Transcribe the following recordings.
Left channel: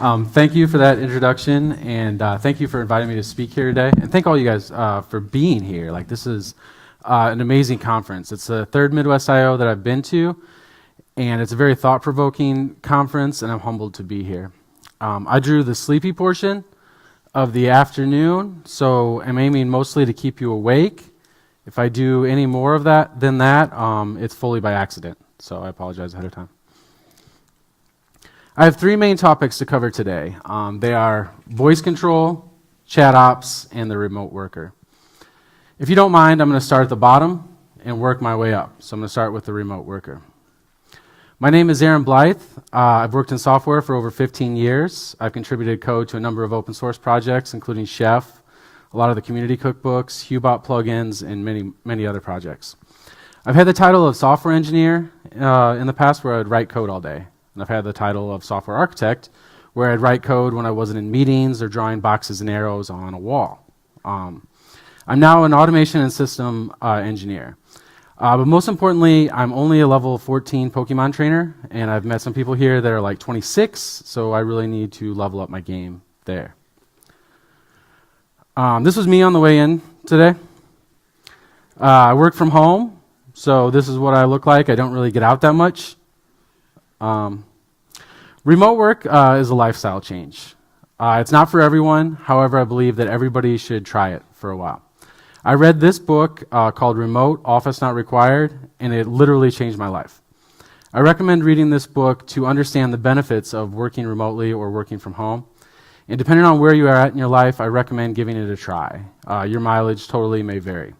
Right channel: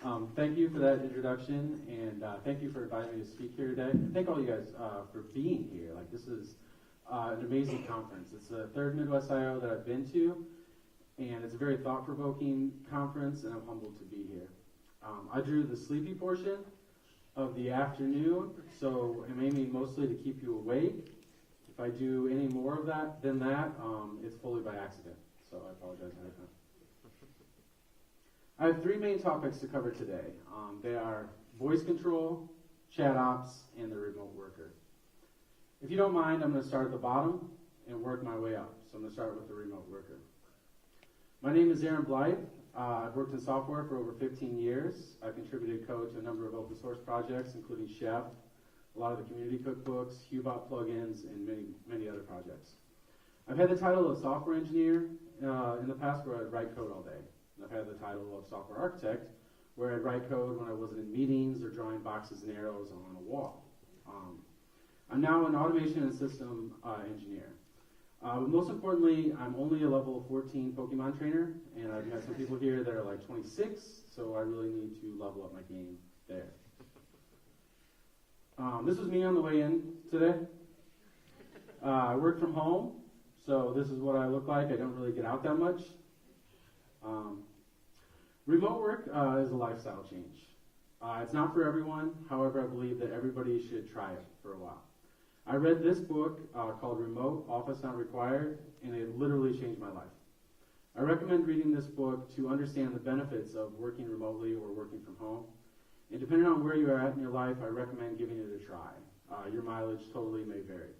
Thank you for that introduction, and thank you for inviting me to speak here today. And thank all you guys for being here. Like, this is an amazing conference. It's the third Midwest.io that I've been to, and it's a very thought-provoking conference, and I'm humbled to be here. I drew the sleepy portion of the afternoon, so I'm aiming mostly to keep you awake. If I do any more of that than that, it's fully by accident, so I apologize ahead of time. I have three main topics to cover today. They are voice control, ChatOps, and the remote worker. If you don't mind, I'm going to start at the bottom and work my way up. So I'm going to start with the remote worker. My name is Blythe. I've worked in software for over 15 years. I've contributed code to a number of open source projects, including Chef, a lot of the community cookbooks, Hubot Plugins, and many, many other projects. I've had the title of software engineer in the past, where I'd write code all day. And I've had the title of software architect, where I'd write code when I wasn't in meetings or drawing boxes and arrows on a wall. I'm now an automation and system engineer. But most importantly, I'm only a level 14 Pokemon trainer, and I've met some people here that are like 26, so I really need to level up my game there. This was me on the way in today. I work from home, so this is what I look like. I don't really get out that much. Remote work is a lifestyle change. It's not for everyone. However, I believe that everybody should try it for a while. I read this book called Remote, Office Not Required, and it literally changed my life. I recommend reading this book to understand the benefits of working remotely or working from home. And depending on where you are at in your life, I recommend giving it a try. Your mileage totally may vary.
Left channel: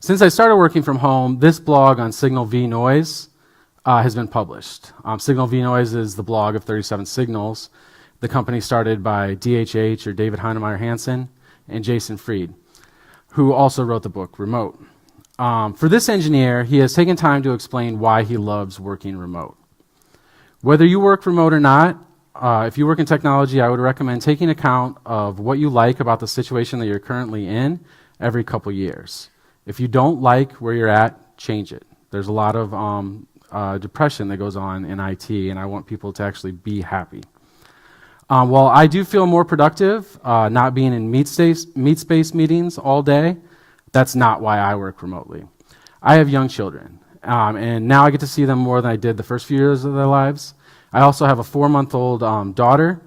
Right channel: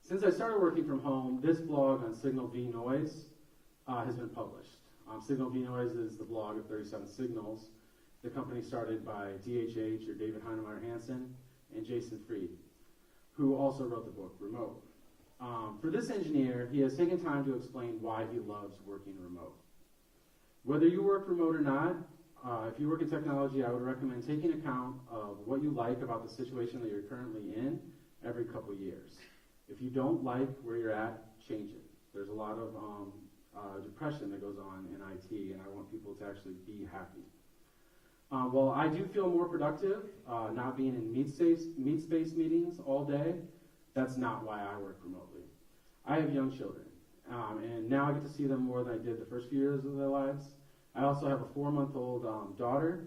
Since I started working from home, this blog on Signal v Noise has been published. Signal v Noise is the blog of 37 Signals, the company started by DHH, or David Heinemeier Hansen, and Jason Fried, who also wrote the book Remote. For this engineer, he has taken time to explain why he loves working remote. Whether you work remote or not, if you work in technology, I would recommend taking account of what you like about the situation that you're currently in every couple years. If you don't like where you're at, change it. There's a lot of depression that goes on in IT, and I want people to actually be happy. While I do feel more productive not being in meet space meetings all day, that's not why I work remotely. I have young children, and now I get to see them more than I did the first few years of their lives. I also have a 4-month-old daughter,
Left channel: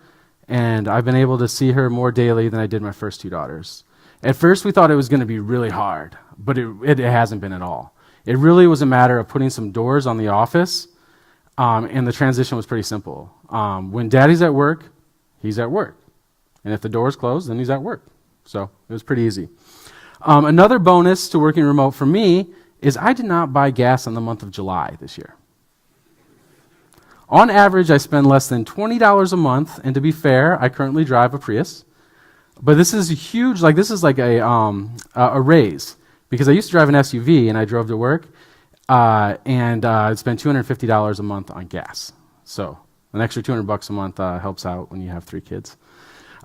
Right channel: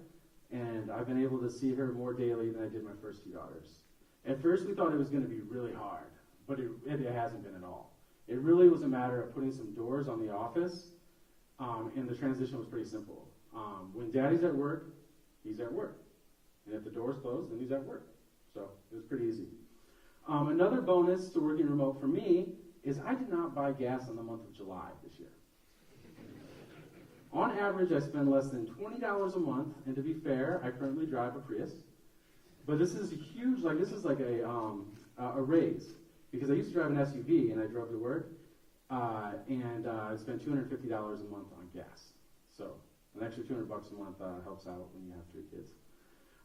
and I've been able to see her more daily than I did my first two daughters. At first, we thought it was going to be really hard, but it hasn't been at all. It really was a matter of putting some doors on the office, and the transition was pretty simple. When daddy's at work, he's at work. And if the door's closed, then he's at work. So it was pretty easy. Another bonus to working remote for me is I did not buy gas in the month of July this year. On average, I spend less than $20 a month, and to be fair, I currently drive a Prius. But this is huge, this is like a raise, because I used to drive an SUV and I drove to work, and I'd spend $250 a month on gas. So an extra $200 a month helps out when you have 3 kids.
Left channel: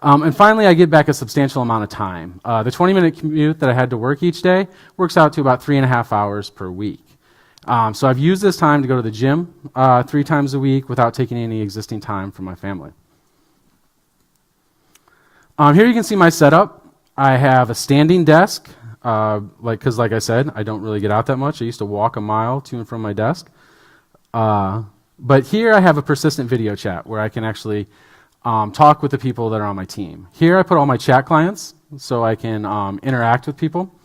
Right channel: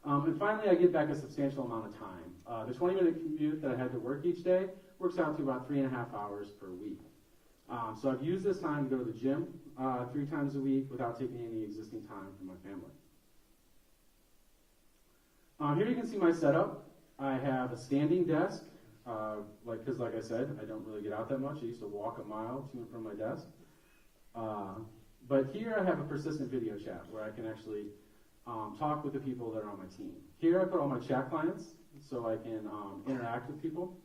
And finally, I get back a substantial amount of time. The 20-minute commute that I had to work each day works out to about 3.5 hours per week. So I've used this time to go to the gym 3 times a week without taking any existing time from my family. Here you can see my setup. I have a standing desk, because like I said, I don't really get out that much. I used to walk a mile to and from my desk. But here I have a persistent video chat where I can actually talk with the people that are on my team. Here I put all my chat clients so I can interact with people.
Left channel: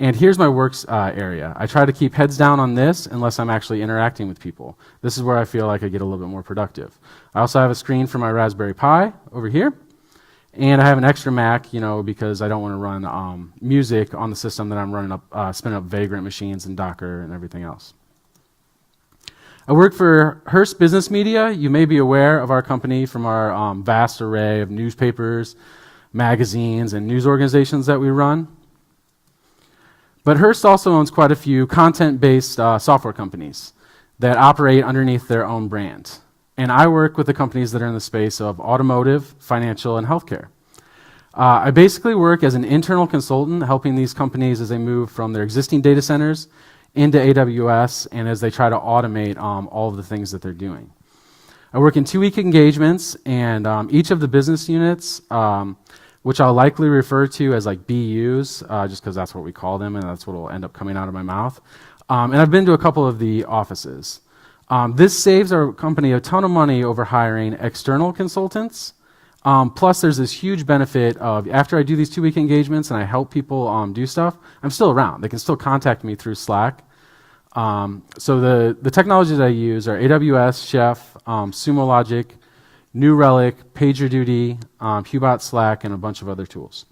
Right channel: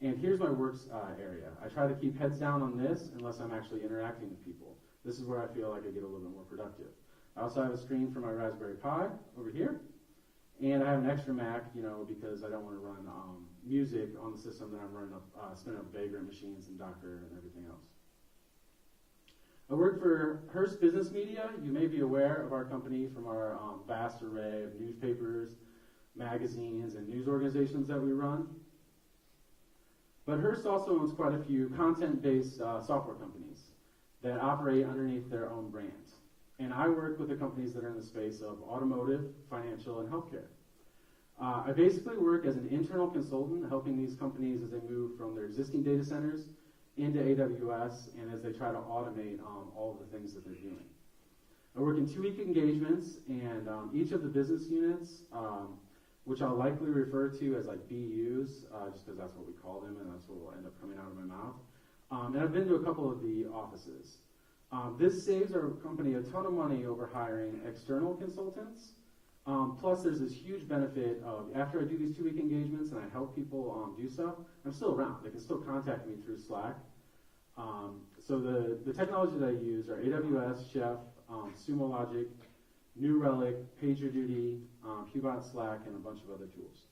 And here's my works area. I try to keep heads down on this unless I'm actually interacting with people. This is where I feel like I get a little bit more productive. I also have a screen for my Raspberry Pi over here. And I have an extra Mac, because I don't want to run music on the system that I'm running up, spinning up Vagrant machines and Docker and everything else. I work for Hearst Business Media. You may be aware of our company from our vast array of newspapers, magazines, and news organizations that we run. But Hearst also owns quite a few content-based software companies that operate underneath their own brand. And I work with the companies that are in the space of automotive, financial, and healthcare. I basically work as an internal consultant helping these companies as they move from their existing data centers into AWS and as they try to automate all of the things that they're doing. I work in 2-week engagements, and each of the business units, which I'll likely refer to as like BUs, just because that's what we call them, and that's what will end up coming out of my mouth. And I've been to a couple of the offices. This saves our company a ton of money over hiring external consultants. Plus, there's this huge benefit of after I do these 2-week engagements and I help people do stuff, I'm still around. They can still contact me through Slack. So the technologies I use are AWS, Chef, Sumo Logic, New Relic, PagerDuty, Hubot, Slack, and a bunch of other tools.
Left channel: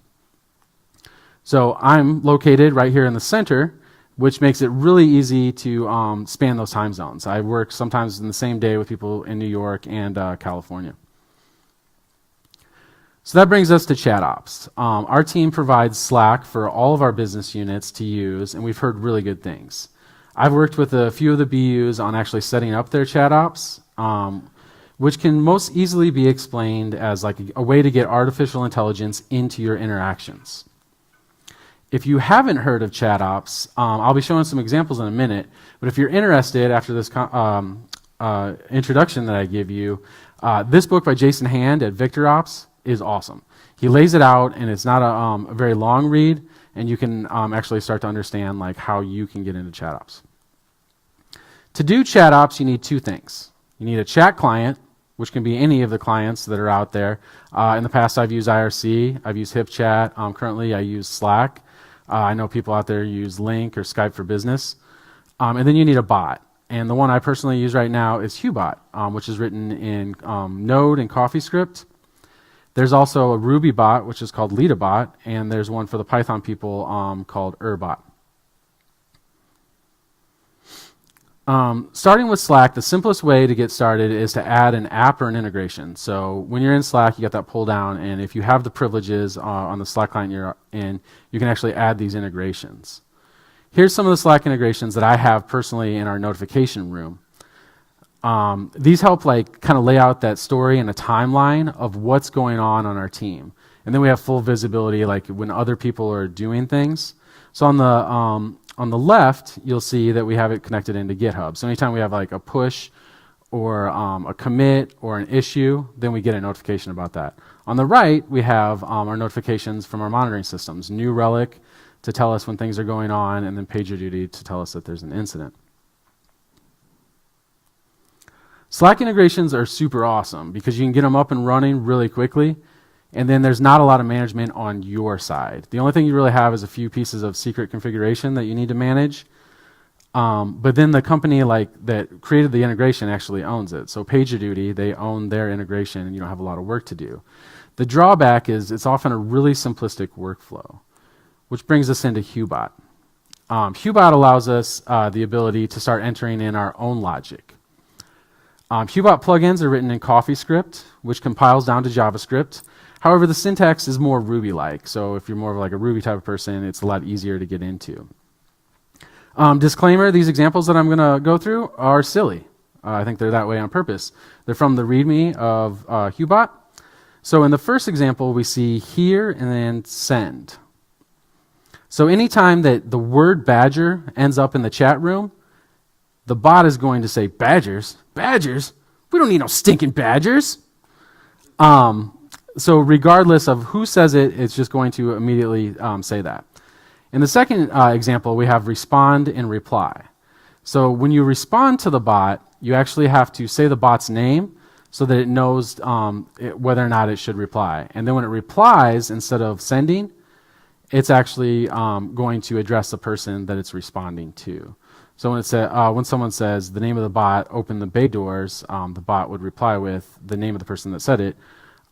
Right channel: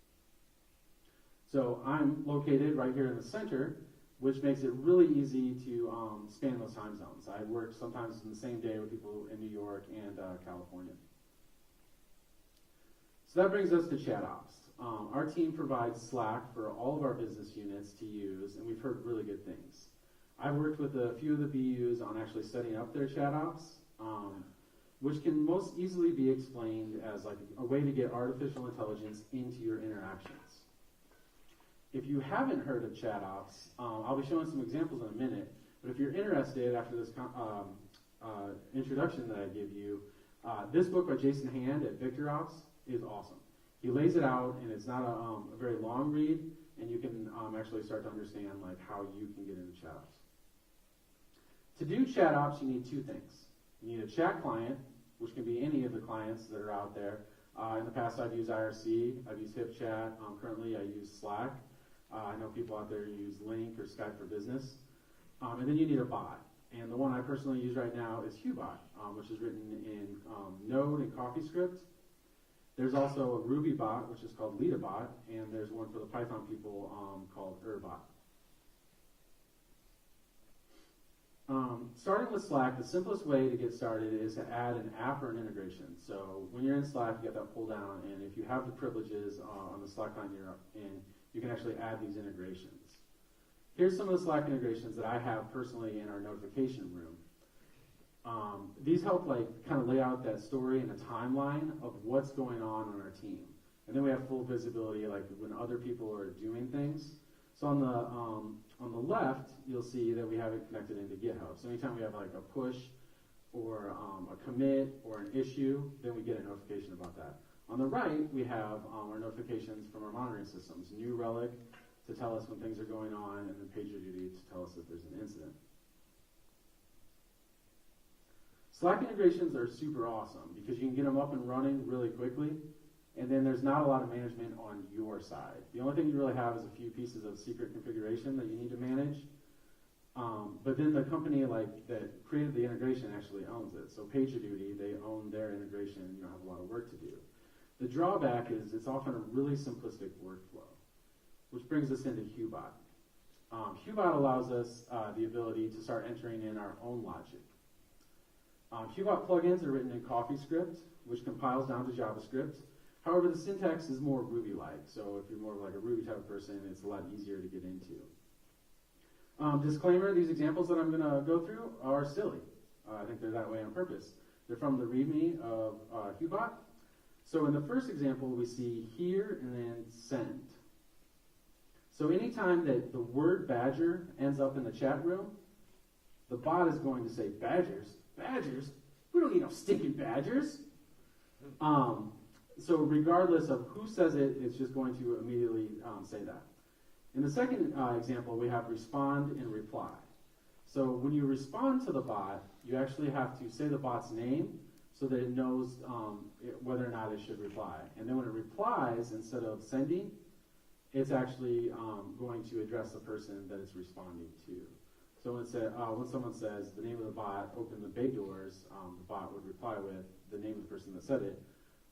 So I'm located right here in the center, which makes it really easy to span those time zones. I work sometimes in the same day with people in New York and California. So that brings us to ChatOps. Our team provides Slack for all of our business units to use, and we've heard really good things. I've worked with a few of the BUs on actually setting up their ChatOps, which can most easily be explained as like a way to get artificial intelligence into your interactions. If you haven't heard of ChatOps, I'll be showing some examples in a minute, but if you're interested after this introduction that I give you, this book by Jason Hand at VictorOps is awesome. He lays it out, and it's not a very long read, and you can actually start to understand like how you can get into ChatOps. To do ChatOps, you need 2 things. You need a chat client, which can be any of the clients that are out there. In the past, I've used IRC, I've used HipChat. Currently, I use Slack. I know people out there use Link or Skype for Business. And then you need a bot. And the one I personally use right now is Hubot, which is written in Node and CoffeeScript. There's also a Ruby bot, which is called LeadABot, and there's one for the Python people called Urbot. Starting with Slack, the simplest way to get started is to add an app or an integration. So when you're in Slack, you got that pull down, and if you have the privileges on the Slack client you're in, you can actually add these integrations. Here's some of the Slack integrations that I have personally in our notification room. These help like kind of lay out that story and a timeline of what's going on our team. And then we have full visibility like when other people are doing things. So on the left, you'll see that we have it connected into GitHub. So anytime we have like a push or a commit or an issue, then we get a notification about that. On the right, we have our notifications from our monitoring systems, New Relic to tell us when things are going on, and then PagerDuty to tell us that there's an incident. Slack integrations are super awesome because you can get them up and running really quickly, and then there's not a lot of management on your side. The only thing you really have is a few pieces of secret configuration that you need to manage, but then the company like that created the integration actually owns it. So PagerDuty, they own their integration, and you don't have a lot of work to do. The drawback is it's often a really simplistic workflow, which brings us into Hubot. Hubot allows us the ability to start entering in our own logic. Hubot plugins are written in CoffeeScript, which compiles down to JavaScript. However, the syntax is more Ruby-like, so if you're more of like a Ruby type of person, it's a lot easier to get into. Disclaimer, these examples that I'm going to go through are silly. I think they're that way on purpose. They're from the README of Hubot. So in the first example, we see here and then send. So anytime that the word badger ends up in the chat room, the bot is going to say, badgers? Badgers? We don't need no stinking badgers. So regardless of who says it, it's just going to immediately say that. In the second example, we have respond and reply. So when you respond to the bot, you actually have to say the bot's name so that it knows whether or not it should reply. And then when it replies, instead of sending, it's actually going to address the person that it's responding to. So when someone says the name of the bot, open the bay doors, the bot would reply with the name of the person that said it.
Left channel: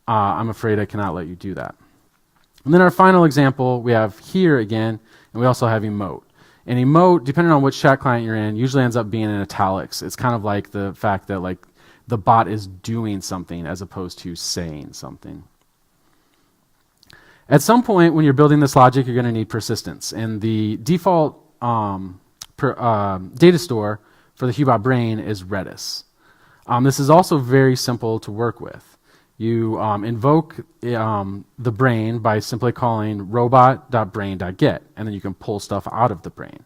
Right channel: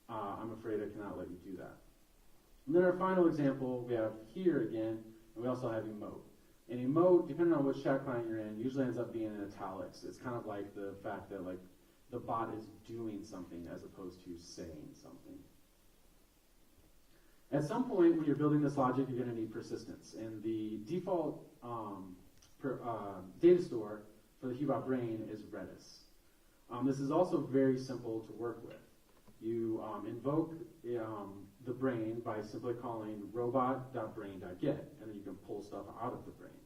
I'm afraid I cannot let you do that. And then our final example we have here again, and we also have emote. And emote, depending on which chat client you're in, usually ends up being in italics. It's kind of like the fact that like the bot is doing something as opposed to saying something. At some point when you're building this logic, you're going to need persistence. And the default data store for the Hubot brain is Redis. This is also very simple to work with. You invoke the brain by simply calling robot.brain.get, and then you can pull stuff out of the brain.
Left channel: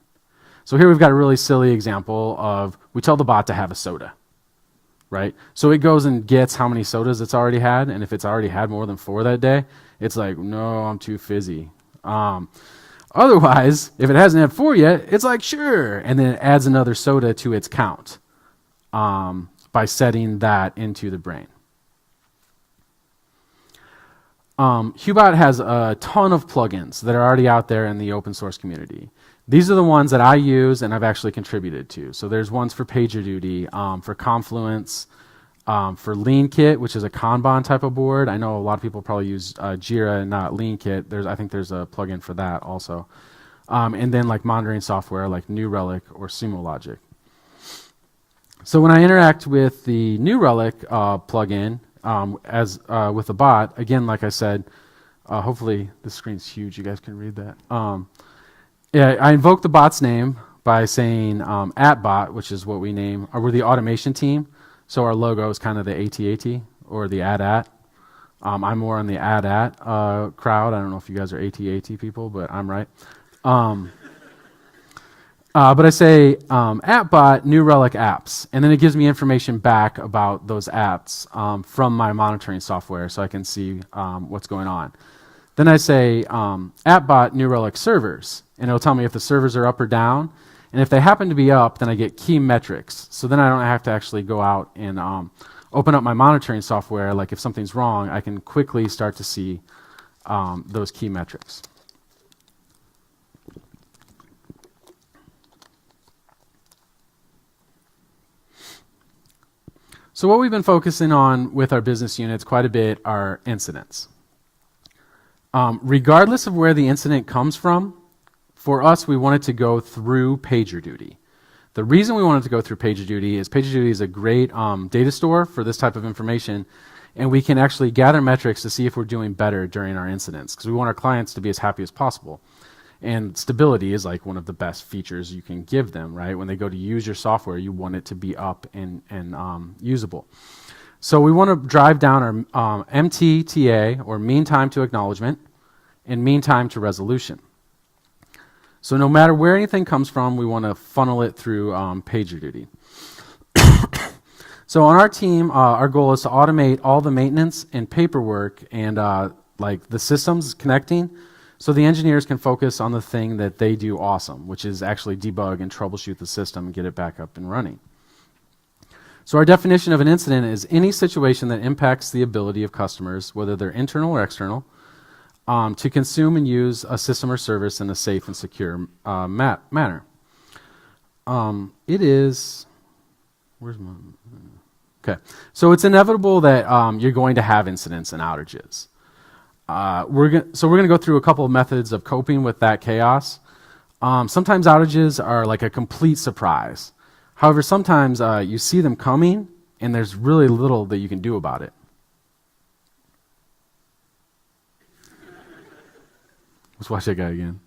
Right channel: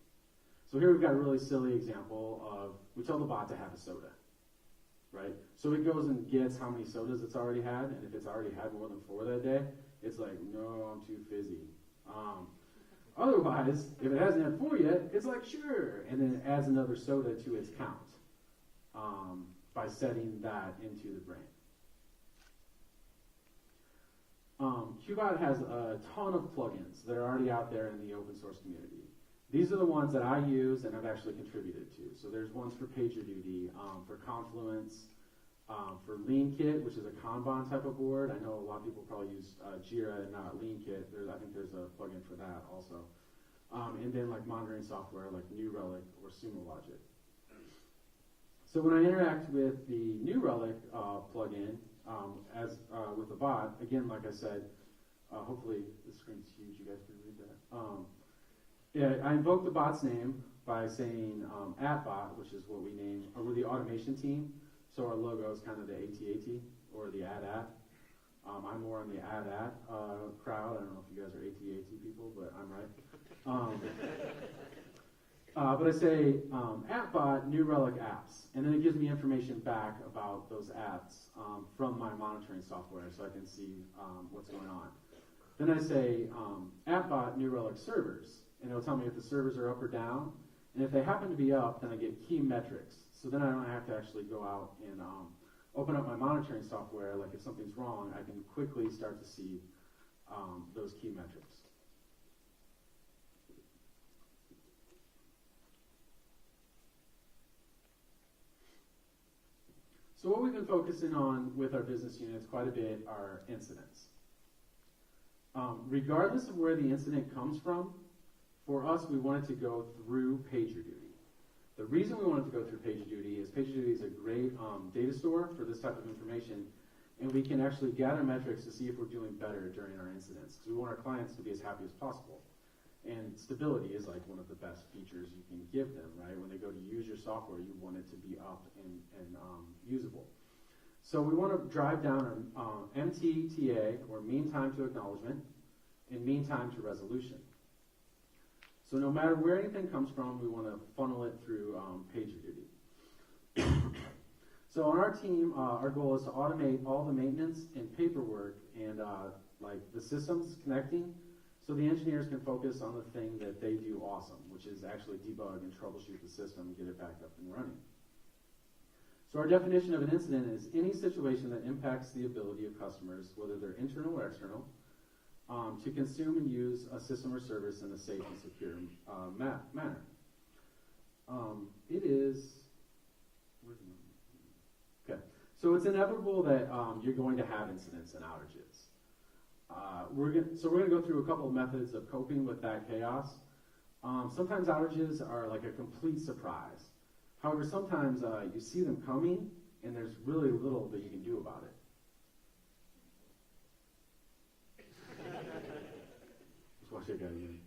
So here we've got a really silly example of we tell the bot to have a soda. right? So it goes and gets how many sodas it's already had, and if it's already had more than 4 that day, it's like, no, I'm too fizzy. Otherwise, if it hasn't had 4 yet, it's like, sure, and then it adds another soda to its count by setting that into the brain. Hubot has a ton of plugins that are already out there in the open source community. These are the ones that I use and I've actually contributed to. So there's ones for PagerDuty, for Confluence, for LeanKit, which is a Kanban type of board. I know a lot of people probably use Jira and not LeanKit. I think there's a plugin for that also. And then like monitoring software like New Relic or Sumo Logic. So when I interact with the New Relic plugin, with the bot, again, like I said, hopefully the screen's huge, you guys can read that. Yeah, I invoke the bot's name by saying @bot, which is what we name, or we're the automation team, so our logo is kind of the AT-AT, or the @. I'm more on the @@ crowd. I don't know if you guys are AT-AT people, but I'm right. But I say @bot New Relic apps, and then it gives me information back about those apps from my monitoring software, so I can see what's going on. Then I say @bot New Relic servers, and it'll tell me if the servers are up or down, and if they happen to be up, then I get key metrics. So then I don't have to actually go out and open up my monitoring software. Like if something's wrong, I can quickly start to see those key metrics. So what we've been focusing on with our business units quite a bit are incidents. Regardless of where the incident comes from, for us, we wanted to go through PagerDuty. The reason we wanted to go through PagerDuty is a great data store for this type of information, and we can actually gather metrics to see if we're doing better during our incidents, because we want our clients to be as happy as possible. And stability is like one of the best features you can give them, right? When they go to use your software, you want it to be up and usable. So we want to drive down our MTTA, or mean time to acknowledgement, and mean time to resolution. So no matter where anything comes from, we want to funnel it through PagerDuty. So on our team, our goal is to automate all the maintenance and paperwork and like the systems connecting, so the engineers can focus on the thing that they do awesome, which is actually debug and troubleshoot the system and get it back up and running. So our definition of an incident is any situation that impacts the ability of customers, whether they're internal or external, to consume and use a system or service in a safe and secure manner. Okay, so it's inevitable that you're going to have incidents and outages. We're going to go through a couple of methods of coping with that chaos. Sometimes outages are like a complete surprise. However, sometimes you see them coming, and there's really little that you can do about it. Let's watch that guy again.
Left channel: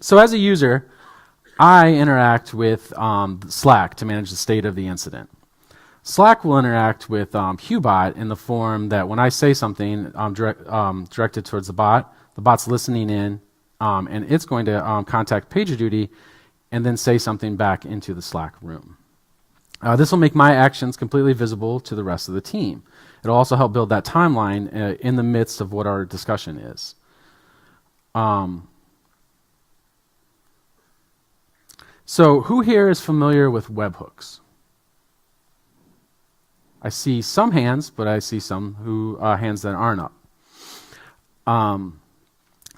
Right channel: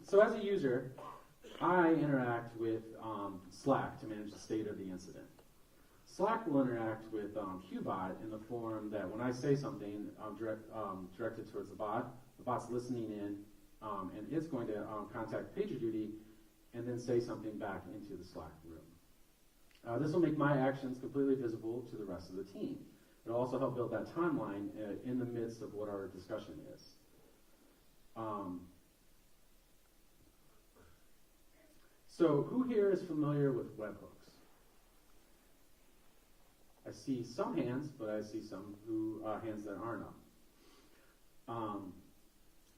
So as a user, I interact with Slack to manage the state of the incident. Slack will interact with Hubot in the form that when I say something directed towards the bot's listening in, and it's going to contact PagerDuty and then say something back into the Slack room. This will make my actions completely visible to the rest of the team. It'll also help build that timeline in the midst of what our discussion is. So who here is familiar with webhooks? I see some hands, but I see some hands that aren't up.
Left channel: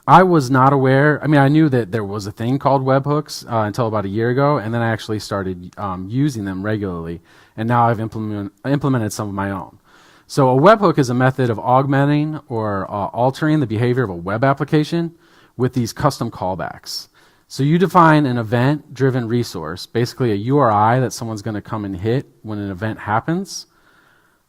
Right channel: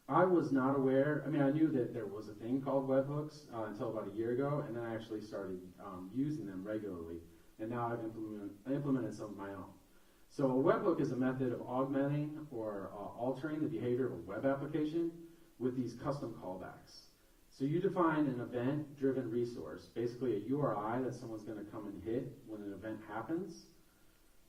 I was not aware. I mean, I knew that there was a thing called webhooks until about a year ago, and then I actually started using them regularly, and now I've implemented some of my own. So a webhook is a method of augmenting or altering the behavior of a web application with these custom callbacks. So you define an event-driven resource, basically a URI that someone's going to come and hit when an event happens.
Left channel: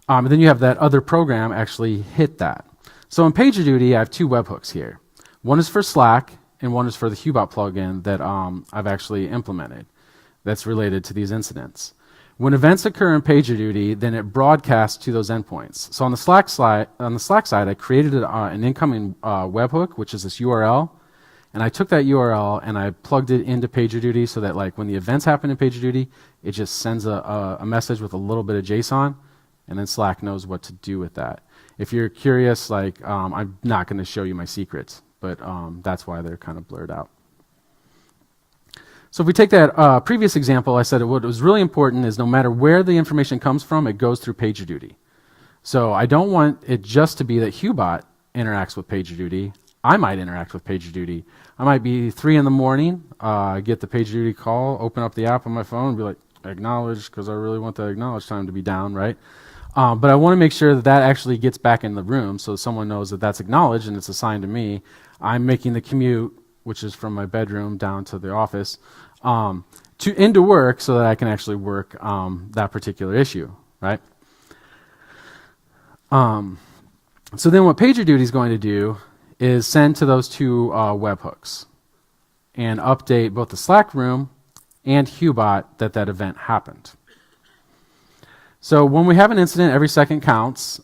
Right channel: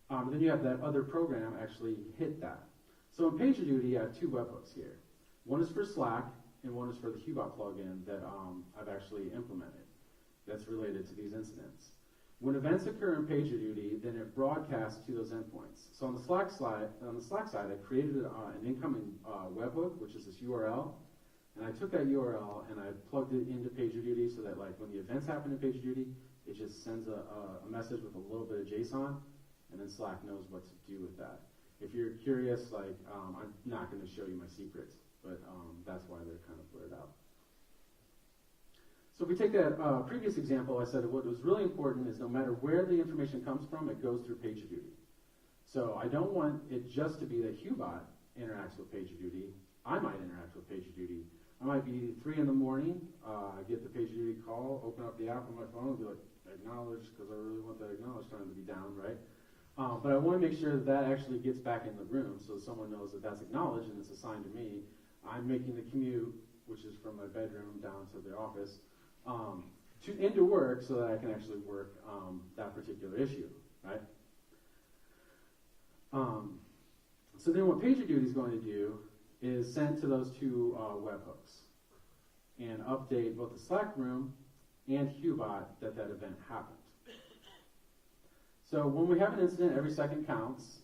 And then you have that other program actually hit that. So in PagerDuty, I have 2 webhooks here. One is for Slack, and one is for the Hubot plugin that I've actually implemented that's related to these incidents. When events occur in PagerDuty, then it broadcasts to those endpoints. So on the Slack side, I created an incoming webhook, which is this URL, and I took that URL and I plugged it into PagerDuty so that like when the events happen in PagerDuty, it just sends a message with a little bit of JSON, and then Slack knows what to do with that. If you're curious, like I'm not going to show you my secrets, but that's why they're kind of blurred out. So if we take that previous example, I said what was really important is no matter where the information comes from, it goes through PagerDuty. So I don't want it just to be that Hubot interacts with PagerDuty. I might interact with PagerDuty. I might be 3 in the morning, get the PagerDuty call, open up the app on my phone, and be like, acknowledge, because I really want the acknowledge time to be down, right? But I want to make sure that that actually gets back in the room so someone knows that that's acknowledged and it's assigned to me. I'm making the commute, which is from my bedroom down to the office, into work so that I can actually work that particular issue, right? So then what PagerDuty is going to do is send to those 2 webhooks and update both the Slack room and Hubot that event happened. So when we have an incident, every second counts.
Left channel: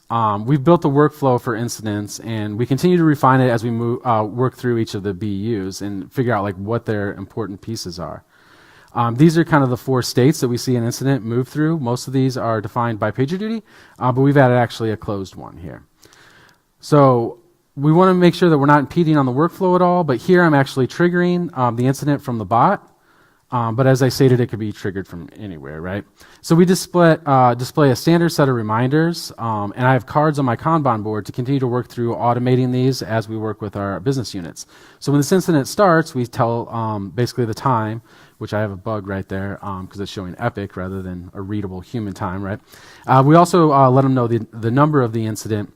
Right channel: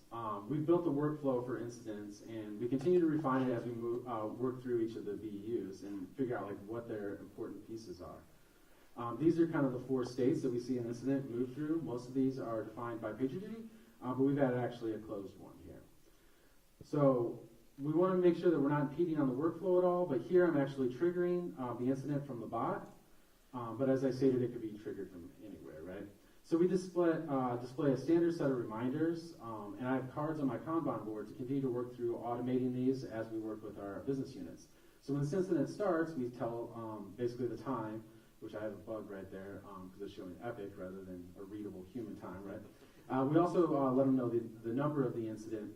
We've built a workflow for incidents, and we continue to refine it as we work through each of the BUs and figure out like what their important pieces are. These are kind of the 4 states that we see an incident move through. Most of these are defined by PagerDuty, but we've added actually a closed one here. So we want to make sure that we're not impeding on the workflow at all, but here I'm actually triggering the incident from the bot, but as I stated, it could be triggered from anywhere, right? So we display a standard set of reminders, and I have cards on my Kanban board to continue to work through automating these as we work with our business units. So when this incident starts, we tell basically the time, which I have a bug right there because it's showing epic rather than a readable human time, right? We also let them know the number of the incident,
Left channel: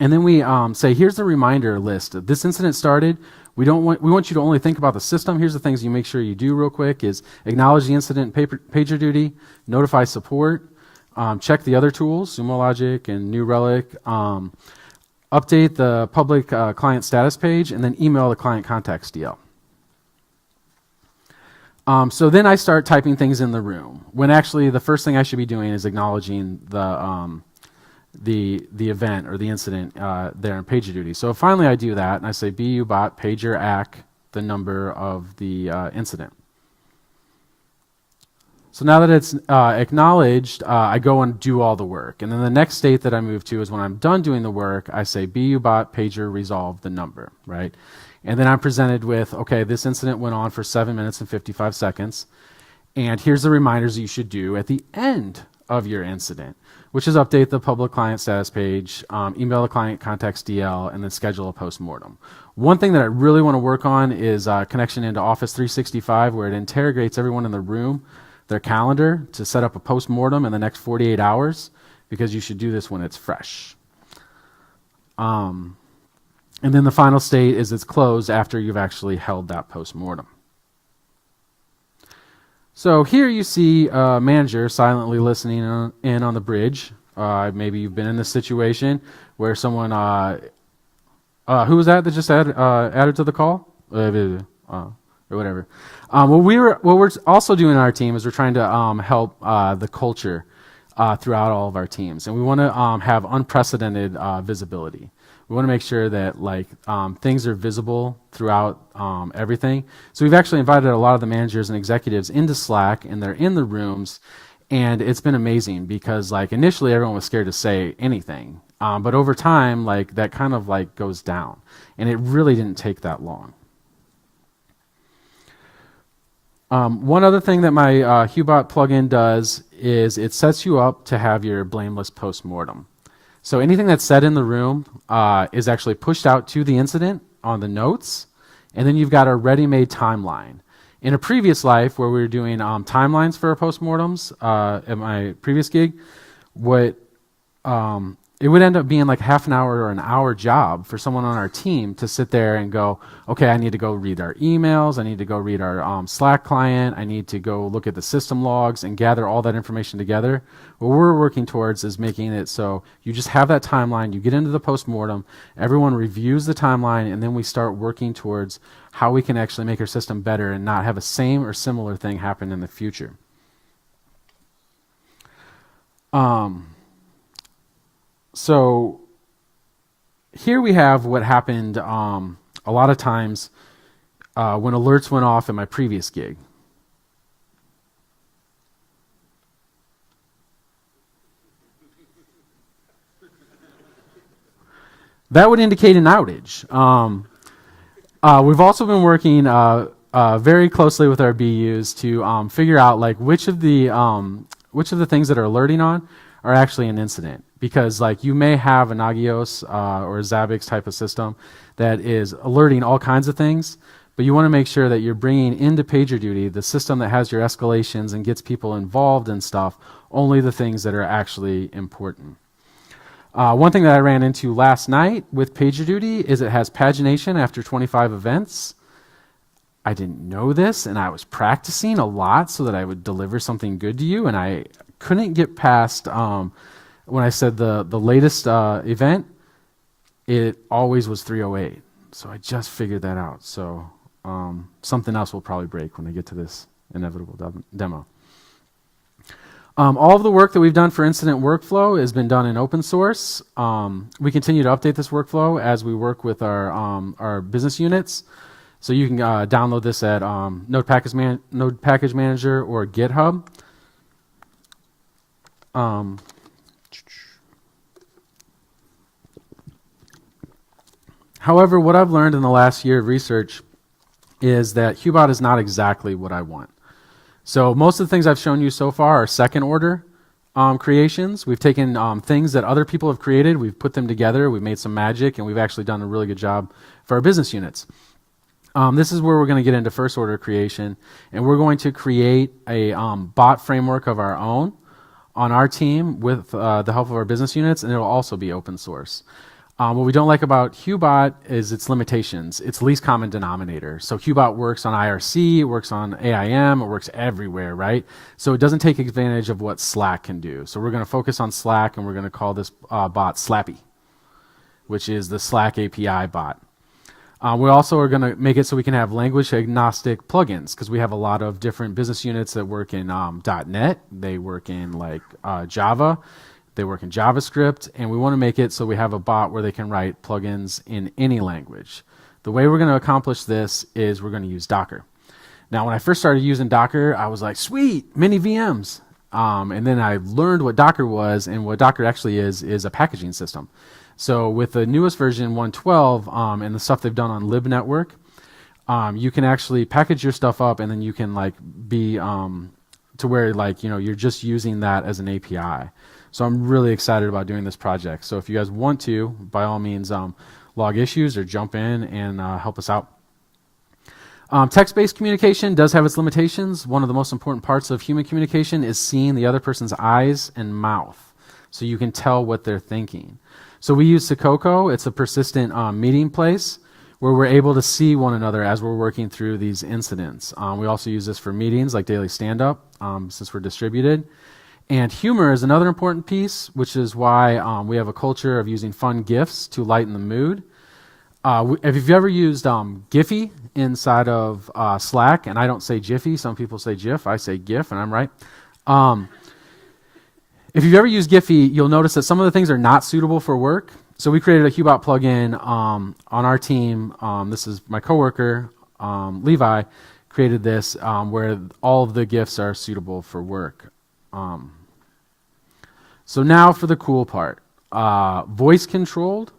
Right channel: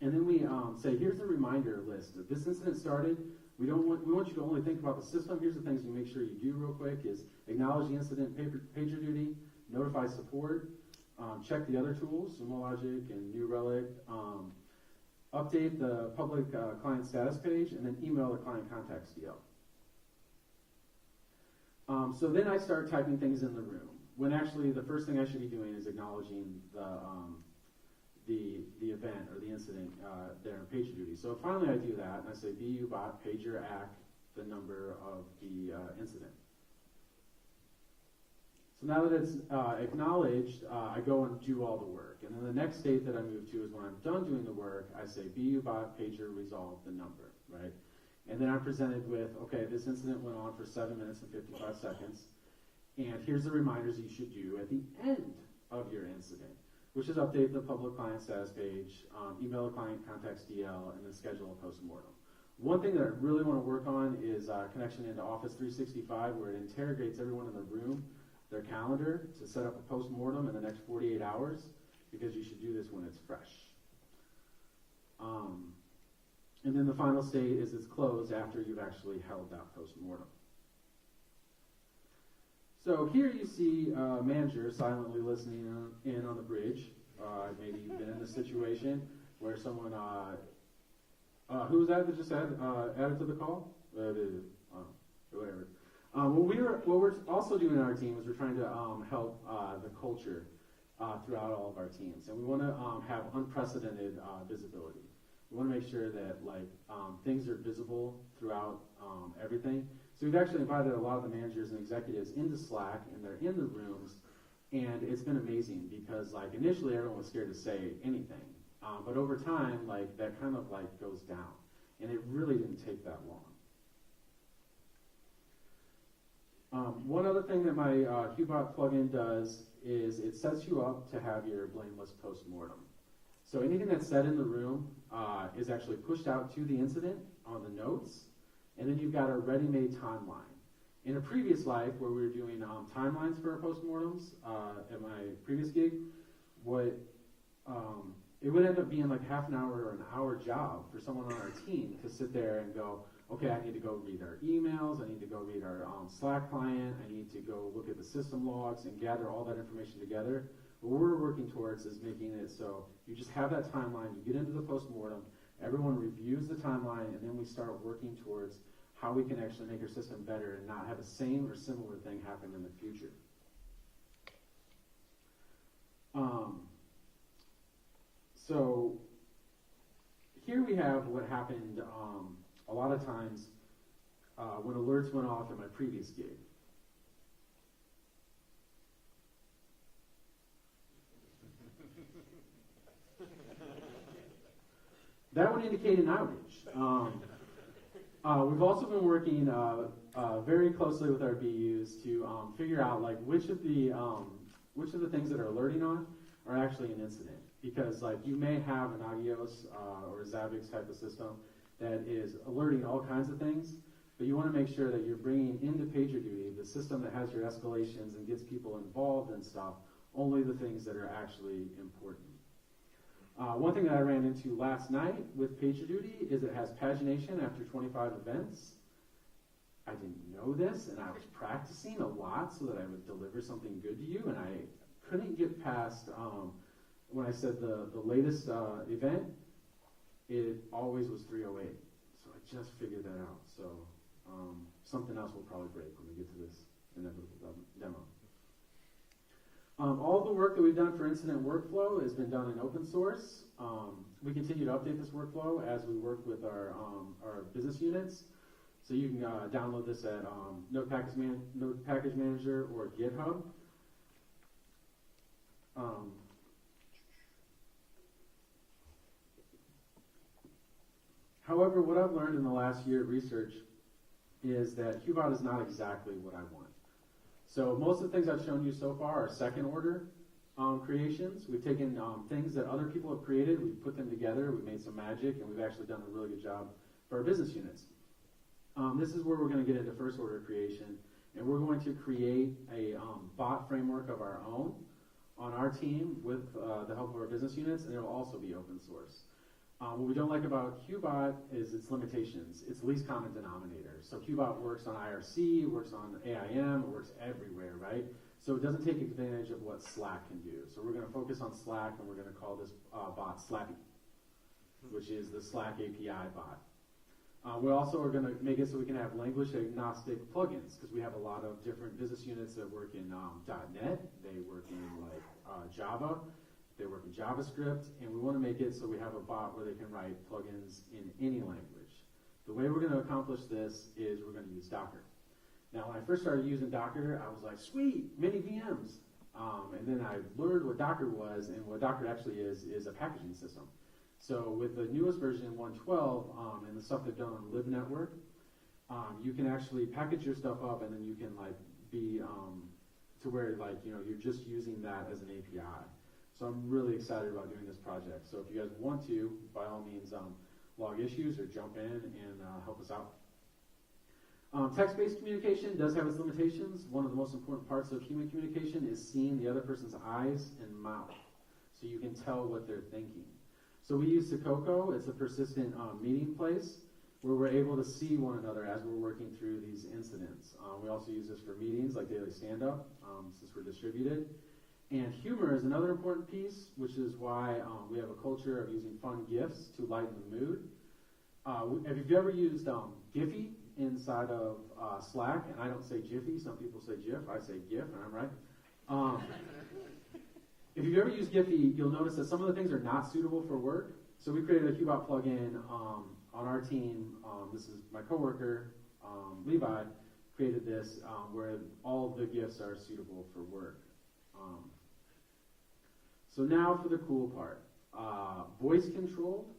and then we say, here's the reminder list. This incident started. We want you to only think about the system. Here's the things you make sure you do real quick is acknowledge the incident in PagerDuty, notify support, check the other tools, Sumo Logic and New Relic, update the public client status page, and then email the client contacts DL. So then I start typing things in the room, when actually the first thing I should be doing is acknowledging the event or the incident there in PagerDuty. So finally I do that, and I say BU bot pager ac the number of the incident. So now that it's acknowledged, I go and do all the work. And then the next state that I move to is when I'm done doing the work, I say BU bot pager resolve the number, right? And then I'm presented with, okay, this incident went on for 7 minutes and 55 seconds, and here's the reminders you should do at the end of your incident, which is update the public client status page, email the client contacts DL, and then schedule a post-mortem. One thing that I really want to work on is connection into Office 365, where it interrogates everyone in the room, their calendar, to set up a post-mortem in the next 48 hours, because you should do this when it's fresh. And then the final state is it's closed after you've actually held that post-mortem. So here you see a manager silently listening in on the bridge. Maybe you've been in this situation where someone, who was that just added to the call? Or whatever. What we're also doing in our team is we're trying to help the culture throughout all of our teams. And we want to have unprecedented visibility. We want to make sure that things are visible throughout everything. So we've actually invited a lot of the managers and executives into Slack, and they're in the rooms, and it's been amazing because initially everyone was scared to say anything, but over time that kind of goes down, and it really didn't take that long. One other thing that my Hubot plugin does is it sets you up to have your blameless postmortem. So anything that's said in the room is actually pushed out to the incident on the notes, and then you've got a ready-made timeline. In a previous life where we were doing timelines for our postmortems at my previous gig, it would end up being half an hour or an hour job for someone on our team to sit there and go, okay, I need to go read our emails, I need to go read our Slack client, I need to go look at the system logs and gather all that information together. What we're working towards is making it so you just have that timeline, you get into the postmortem, everyone reviews the timeline, and then we start working towards how we can actually make our system better and not have a same or similar thing happen in the future. So here we have what happened a lot of times when alerts went off in my previous gig. That would indicate an outage. We've also been working very closely with our BUs to figure out like which of the things that are alerting on are actually an incident. Because like you may have a Nagios or a Zabbix type of system that is alerting all kinds of things, but you want to make sure that you're bringing into PagerDuty, the system that has your escalations and gets people involved in stuff, only the things that are actually important. One thing that I ran into last night with PagerDuty is it has pagination after 25 events. I didn't know this, and I was practicing a lot so that I would deliver something good to you, and I couldn't get past when I said the latest event, it always was 308. So I just figured that out. So something else will probably break when I get to this inevitable demo. All of the work that we've done for incident workflow has been done in open source. We continue to update this workflow as we work with our business units. So you can download this at Node Package Manager or GitHub. However, what I've learned in the last year of research is that Hubot is not exactly what I want. So most of the things I've shown you so far are second order creations. We've taken things that other people have created, we've put them together, we've made some magic, and we've actually done a really good job for our business units. This is where we're going to get into first order creation, and we're going to create a bot framework of our own on our team with the help of our business units, and it'll also be open source. What we don't like about Hubot is its limitations. It's least common denominator. So Hubot works on IRC, it works on AIM, it works everywhere, right? So it doesn't take advantage of what Slack can do. So we're going to focus on Slack, and we're going to call this bot SLAPI, which is the Slack API bot. We also are going to make it so we can have language agnostic plugins, because we have a lot of different business units that work in .NET, they work in like Java, they work in JavaScript, and we want to make it so we have a bot where they can write plugins in any language. The way we're going to accomplish this is we're going to use Docker. Now, when I first started using Docker, I was like, sweet, mini VMs. And then I learned what Docker was, and what Docker actually is a packaging system. So with the newest version 112 and the stuff they've done on libnetwork, you can actually package your stuff up, and then you can like be to where like you're just using that as an API. So I'm really excited about doing this project. So if you guys want to, by all means, log issues or jump in and help us out. Text-based communication does have its limitations. One of the most important parts of human communication is seeing the other person's eyes and mouth, so you can tell what they're thinking. So we use Sakoko. It's a persistent meeting place where we're able to see one another as we're working through these incidents. We also use this for meetings like daily stand-up, since we're distributed. And humor is another important piece, which is why we have a culture of using fun GIFs to lighten the mood. If you've ever used Giphy inside of Slack, and I don't say Jiffy, some people say GIF, I say GIF, and I'm right. If you've ever used Giphy, you'll notice that some of the things are not suitable for work. So we created a Hubot plugin on our team. This is my coworker, Levi, created this where all of the GIFs are suitable for work. So now for the cool part, voice controlled.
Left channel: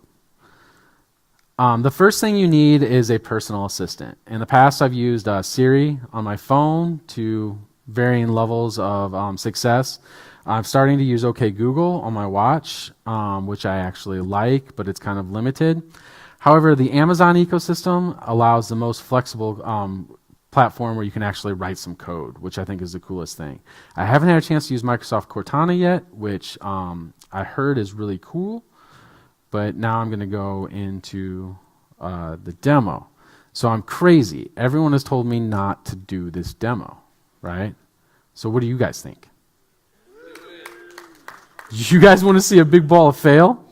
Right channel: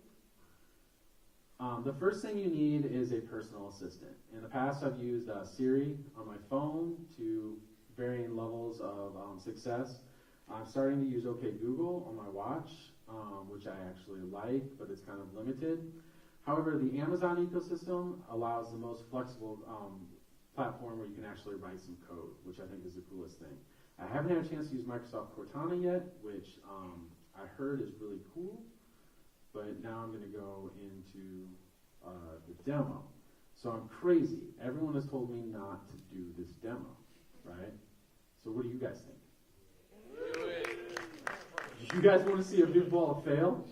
The first thing you need is a personal assistant. In the past, I've used Siri on my phone to varying levels of success. I'm starting to use OK Google on my watch, which I actually like, but it's kind of limited. However, the Amazon ecosystem allows the most flexible platform where you can actually write some code, which I think is the coolest thing. I haven't had a chance to use Microsoft Cortana yet, which I heard is really cool, but now I'm going to go into the demo. So I'm crazy. Everyone has told me not to do this demo, right? So what do you guys think? You guys want to see a big ball of fail?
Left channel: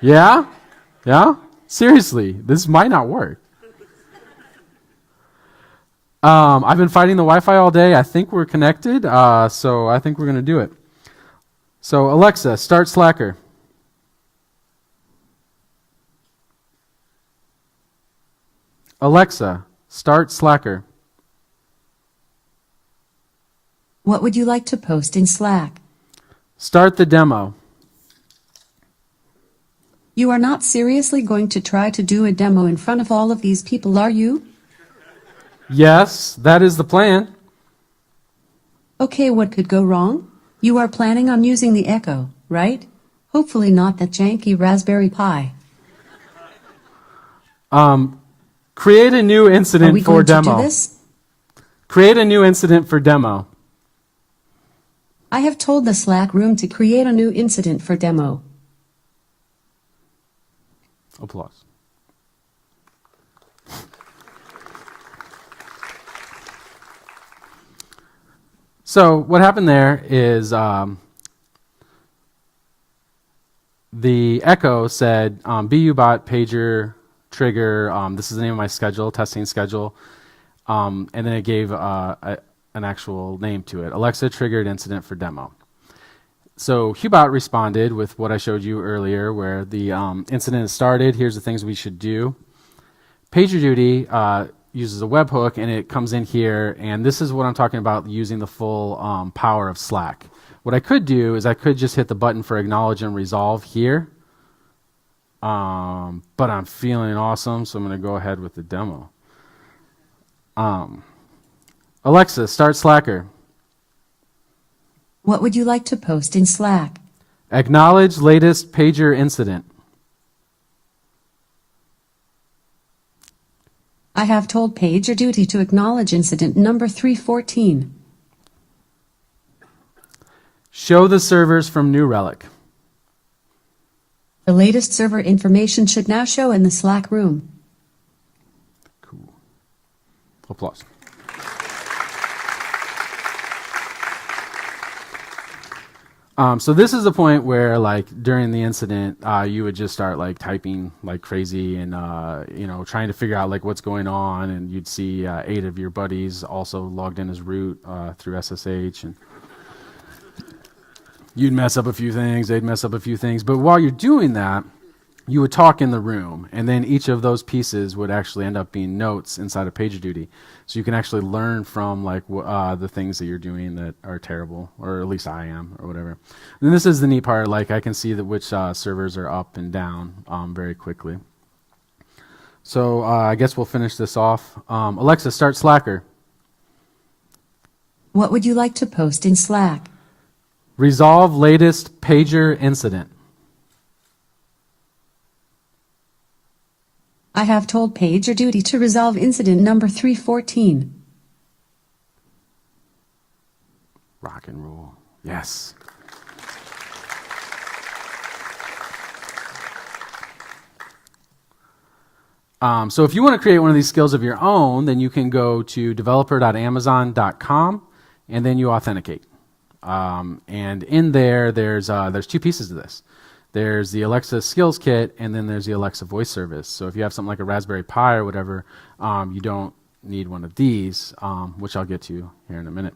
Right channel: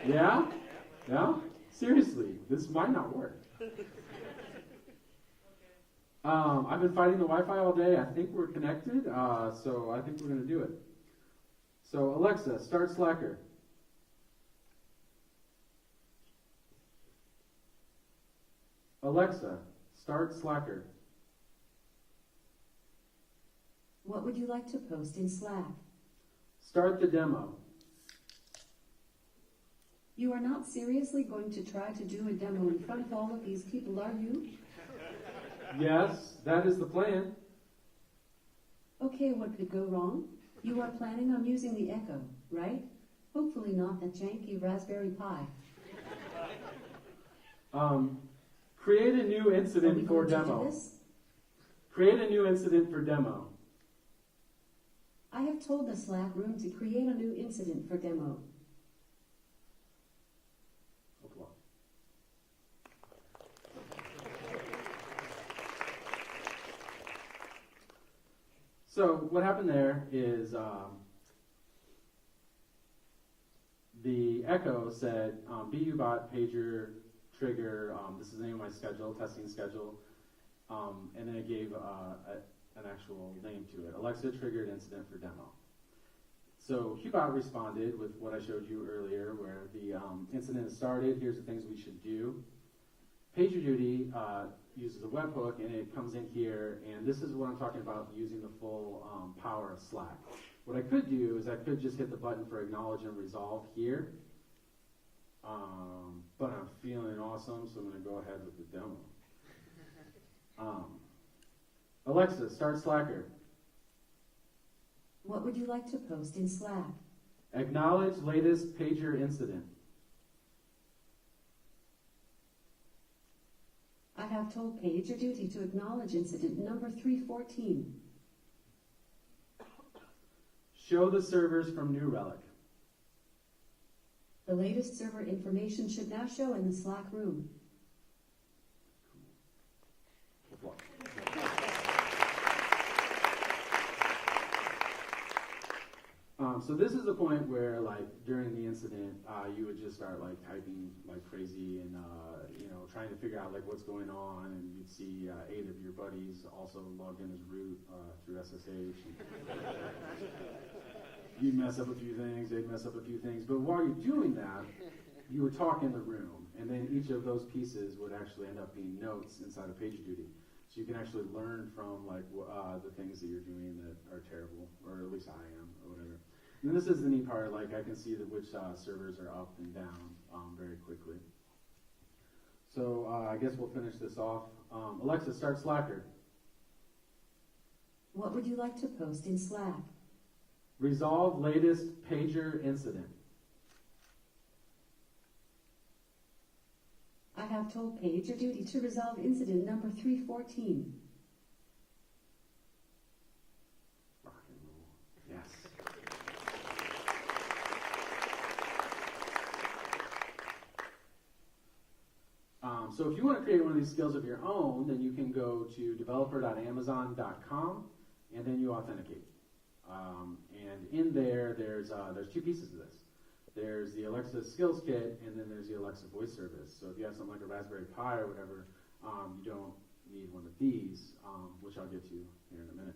Yeah? Yeah? Seriously, this might not work. I've been fighting the Wi-Fi all day. I think we're connected, so I think we're going to do it. So Alexa, start Slacker. Alexa, start Slacker. What would you like to post in Slack? Start the demo. You are not seriously going to try to do a demo in front of all of these people, are you? Yes, that is the plan. Okay, what could go wrong? You are planning on using the Echo, right? Hopefully not that janky Raspberry Pi. Create a new incident Are we for going demo. to do this? Create a new incident for demo. I have told the Slack room to create a new incident for demo. Applause. So what happened there is the Echo said, Hubot pager trigger, this is the name of my schedule, testing schedule, and then it gave an actual name to it, Alexa triggered incident for demo. So Hubot responded with what I showed you earlier, where the incident is started, here's the things we should do. PagerDuty uses a webhook, and it comes in here, and this is what I'm talking about, using the full power of Slack. What I could do is I could just hit the button for acknowledge and resolve here, but I'm feeling awesome, so I'm going to go ahead with the demo. Alexa, start Slacker. What would you like to post in Slack? Acknowledge latest pager incident. I have told PagerDuty to acknowledge incident number 314. Show the servers from New Relic. The latest server information should now show in the Slack room. Cool. Applause. So this is the point where, like, during the incident, you would just start like typing like crazy and trying to figure out like what's going on, and you'd see 8 of your buddies also logged in as root through SSH, and you'd mess up a few things, they'd mess up a few things. But while you're doing that, you would talk in the room, and then each of those pieces would actually end up being notes inside of PagerDuty. So you can actually learn from like the things that you're doing that are terrible, or at least I am, or whatever. And this is the neat part, like I can see that which servers are up and down very quickly. So I guess we'll finish this off. Alexa, start Slacker. What would you like to post in Slack? Resolve latest pager incident. I have told PagerDuty to resolve incident number 314. Rock and roll. Yes. So if you want to create one of these skills of your own, then you can go to developer.amazon.com, and then you authenticate. And in there, there's 2 pieces of this. There's the Alexa Skills Kit, and then there's the Alexa Voice Service. So if you have something like a Raspberry Pi or whatever, you don't need one of these, which I'll get to here in a minute.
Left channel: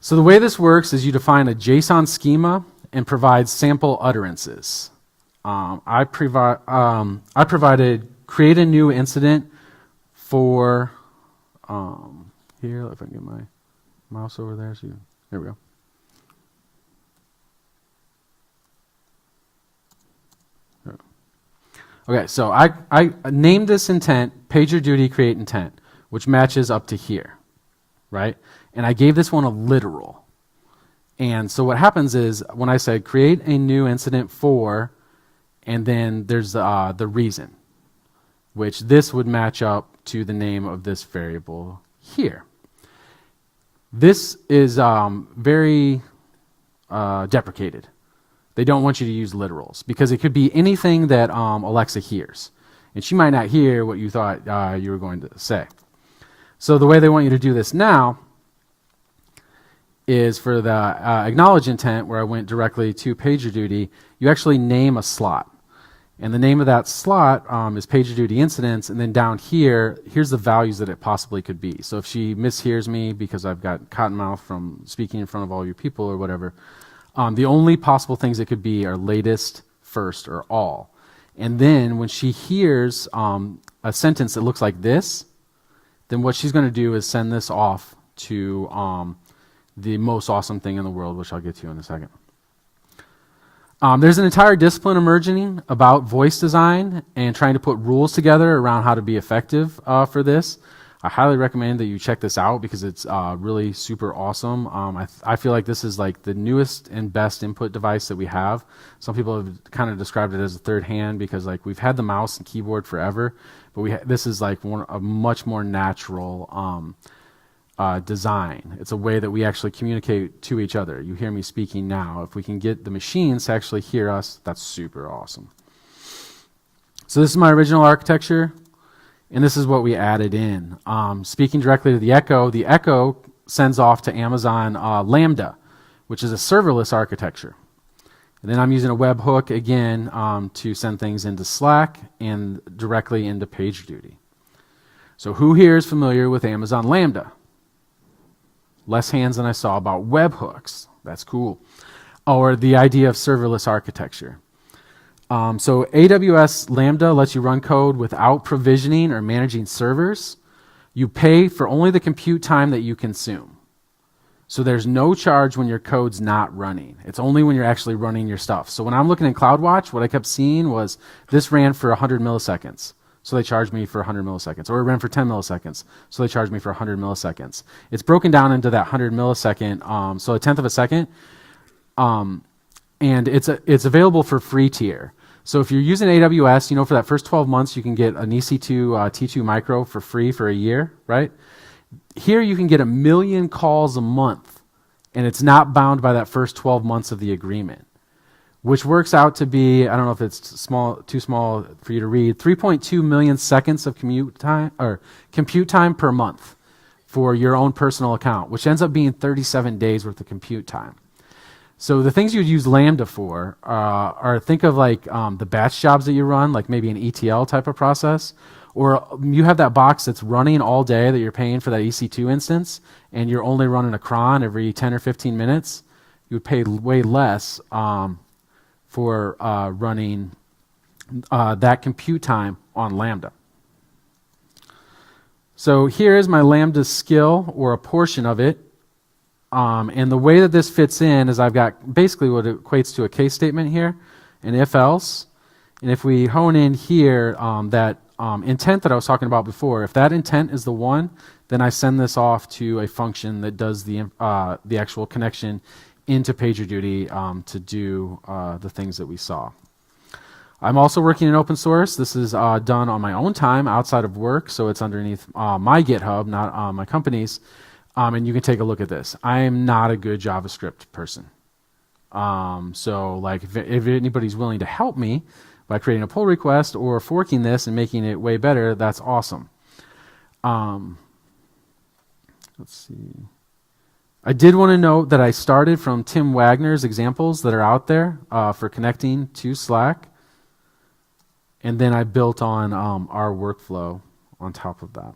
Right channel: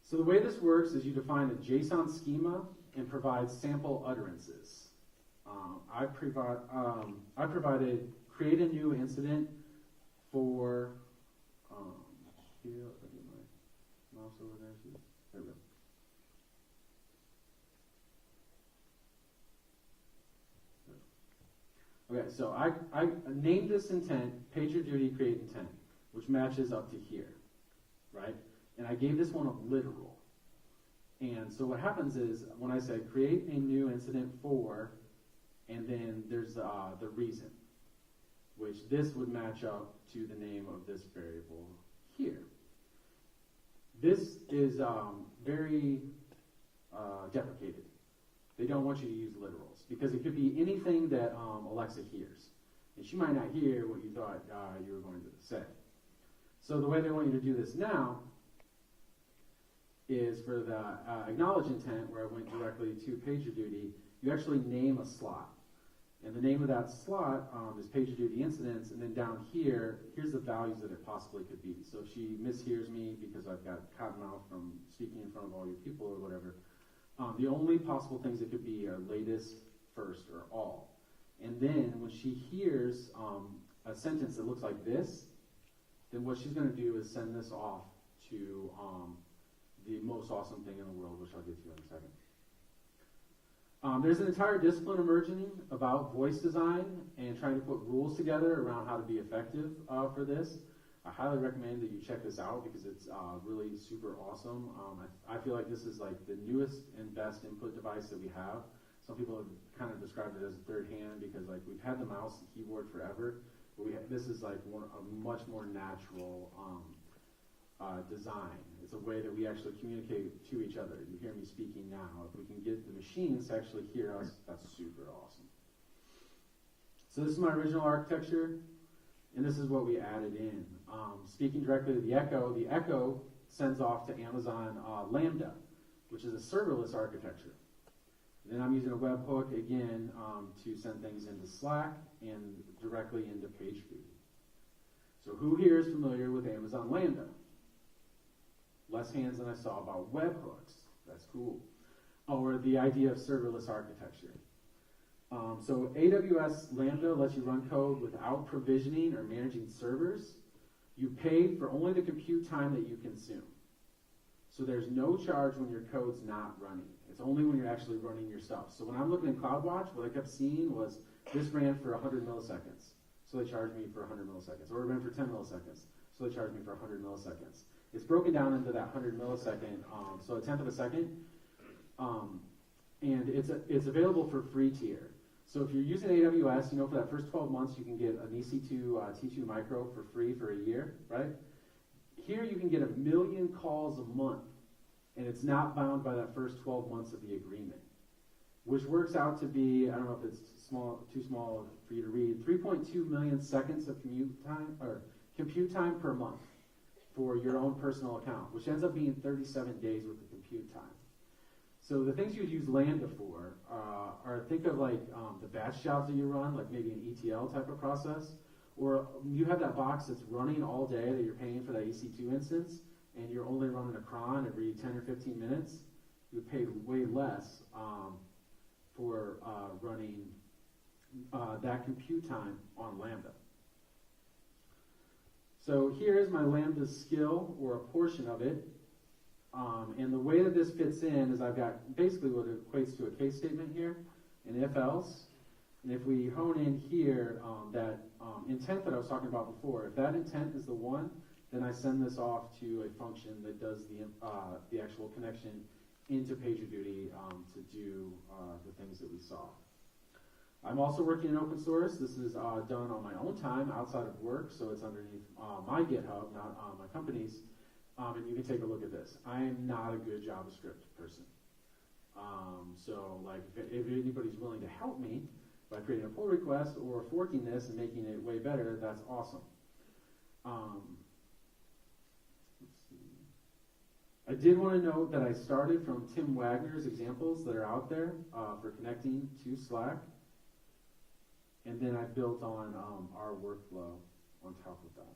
So the way this works is you define a JSON schema and provide sample utterances. I provided create a new incident for, here, if I can get my mouse over there. So there we go. Okay, so I named this intent PagerDuty create intent, which matches up to here, right? And I gave this one a literal. And so what happens is when I say create a new incident for, and then there's the reason, which this would match up to the name of this variable here. This is very deprecated. They don't want you to use literals because it could be anything that Alexa hears. And she might not hear what you thought you were going to say. So the way they want you to do this now is for the acknowledge intent, where I went directly to PagerDuty, you actually name a slot. And the name of that slot is PagerDuty incidents, and then down here, here's the values that it possibly could be. So if she mishears me because I've got cottonmouth from speaking in front of all you people or whatever, the only possible things it could be are latest, first, or all. And then when she hears a sentence that looks like this, then what she's going to do is send this off to the most awesome thing in the world, which I'll get to in a second. There's an entire discipline emerging about voice design and trying to put rules together around how to be effective for this. I highly recommend that you check this out because it's really super awesome. I feel like this is like the newest and best input device that we have. Some people have kind of described it as a third hand because like we've had the mouse and keyboard forever, but this is like a much more natural design. It's a way that we actually communicate to each other. You hear me speaking now. If we can get the machines to actually hear us, that's super awesome. So this is my original architecture, and this is what we added in. Speaking directly to the Echo sends off to Amazon Lambda, which is a serverless architecture. And then I'm using a webhook again to send things into Slack and directly into PagerDuty. So who here is familiar with Amazon Lambda? Less hands than I saw about webhooks. That's cool. Or the idea of serverless architecture. So AWS Lambda lets you run code without provisioning or managing servers. You pay for only the compute time that you consume. So there's no charge when your code's not running. It's only when you're actually running your stuff. So when I'm looking in CloudWatch, what I kept seeing was this ran for 100 milliseconds. So they charged me for 100 milliseconds. Or it ran for 10 milliseconds. So they charged me for 100 milliseconds. It's broken down into that 100 millisecond, so a tenth of a second. And it's available for free tier. So if you're using AWS, for that first 12 months, you can get an EC2 T2 Micro for free for a year, right? Here you can get 1 million calls a month, and it's not bound by that first 12 months of the agreement, which works out to be, I don't know if it's too small for you to read, 3.2 million seconds of compute time per month for your own personal account, which ends up being 37 days worth of compute time. So the things you'd use Lambda for are think of like the batch jobs that you run, like maybe an ETL type of process, or you have that box that's running all day that you're paying for that EC2 instance, and you're only running a cron every 10 or 15 minutes. You would pay way less for running that compute time on Lambda. So here is my Lambda skill, or a portion of it. And the way that this fits in is I've got basically what equates to a case statement here, an if-else. And if we hone in here, that intent that I was talking about before, if that intent is the one, then I send this off to a function that does the actual connection into PagerDuty to do the things that we saw. I'm also working in open source. This is done on my own time outside of work, so it's underneath my GitHub, not my company's. And you can take a look at this. I am not a good JavaScript person. So like if anybody's willing to help me by creating a pull request or forking this and making it way better, that's awesome. Let's see. I did want to note that I started from Tim Wagner's examples that are out there for connecting to Slack. And then I built on our workflow on top of that.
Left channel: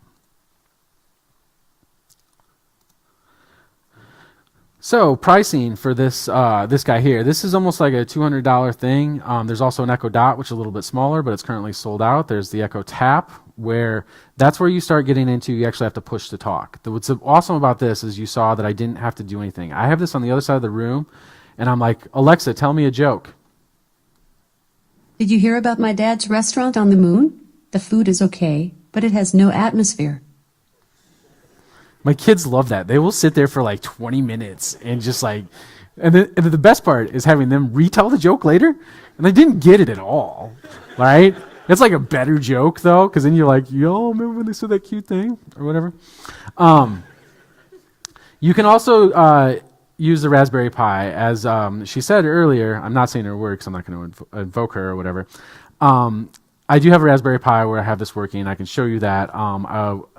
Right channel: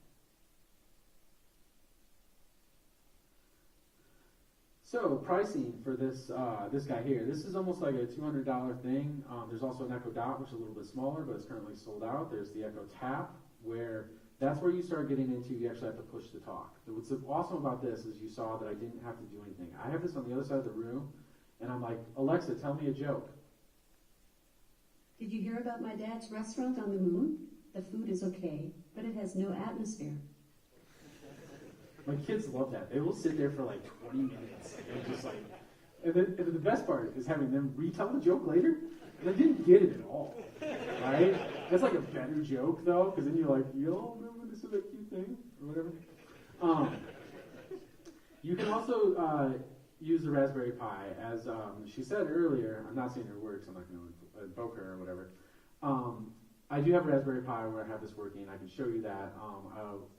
So pricing for this guy here, this is almost like a $200 thing. There's also an Echo Dot, which is a little bit smaller, but it's currently sold out. There's the Echo Tap, where that's where you start getting into, you actually have to push to talk. What's awesome about this is you saw that I didn't have to do anything. I have this on the other side of the room, and I'm like, Alexa, tell me a joke. Did you hear about my dad's restaurant on the moon? The food is okay, but it has no atmosphere. My kids love that. They will sit there for like 20 minutes and just like, and then the best part is having them retell the joke later, and they didn't get it at all, right? It's like a better joke though, because then you're like, yo, remember when they said that cute thing or whatever? You can also use the Raspberry Pi, as she said earlier. I'm not saying her works. I'm not going to invoke her or whatever. I do have a Raspberry Pi where I have this working. I can show you that.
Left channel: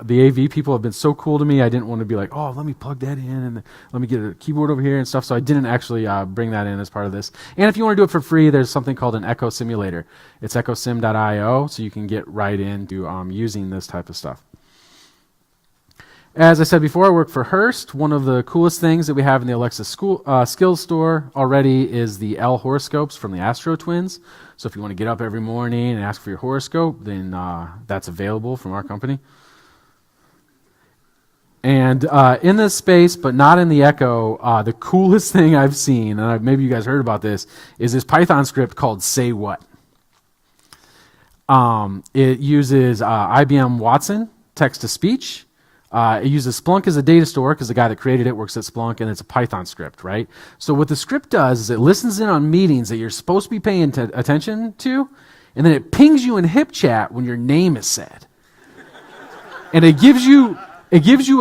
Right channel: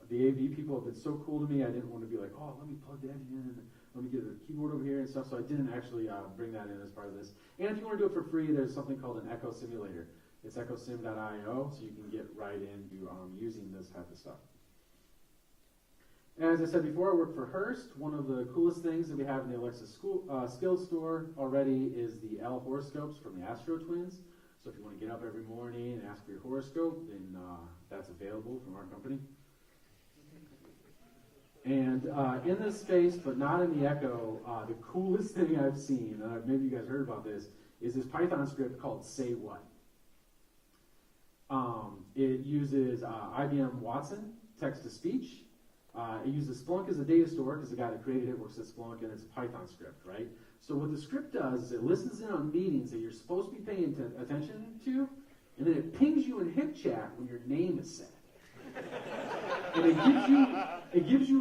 The AV people have been so cool to me. I didn't want to be like, oh, let me plug that in and let me get a keyboard over here and stuff. So I didn't actually bring that in as part of this. And if you want to do it for free, there's something called an Echo Simulator. It's echosim.io, so you can get right into using this type of stuff. As I said before, I work for Hearst. One of the coolest things that we have in the Alexa Skills store already is the L horoscopes from the Astro Twins. So if you want to get up every morning and ask for your horoscope, then that's available from our company. And in this space, but not in the Echo, the coolest thing I've seen, and maybe you guys heard about this, is this Python script called Say What. It uses IBM Watson text-to-speech. It uses Splunk as a data store because the guy that created it works at Splunk, and it's a Python script, right? So what the script does is it listens in on meetings that you're supposed to be paying attention to, and then it pings you in HipChat when your name is said. And it gives you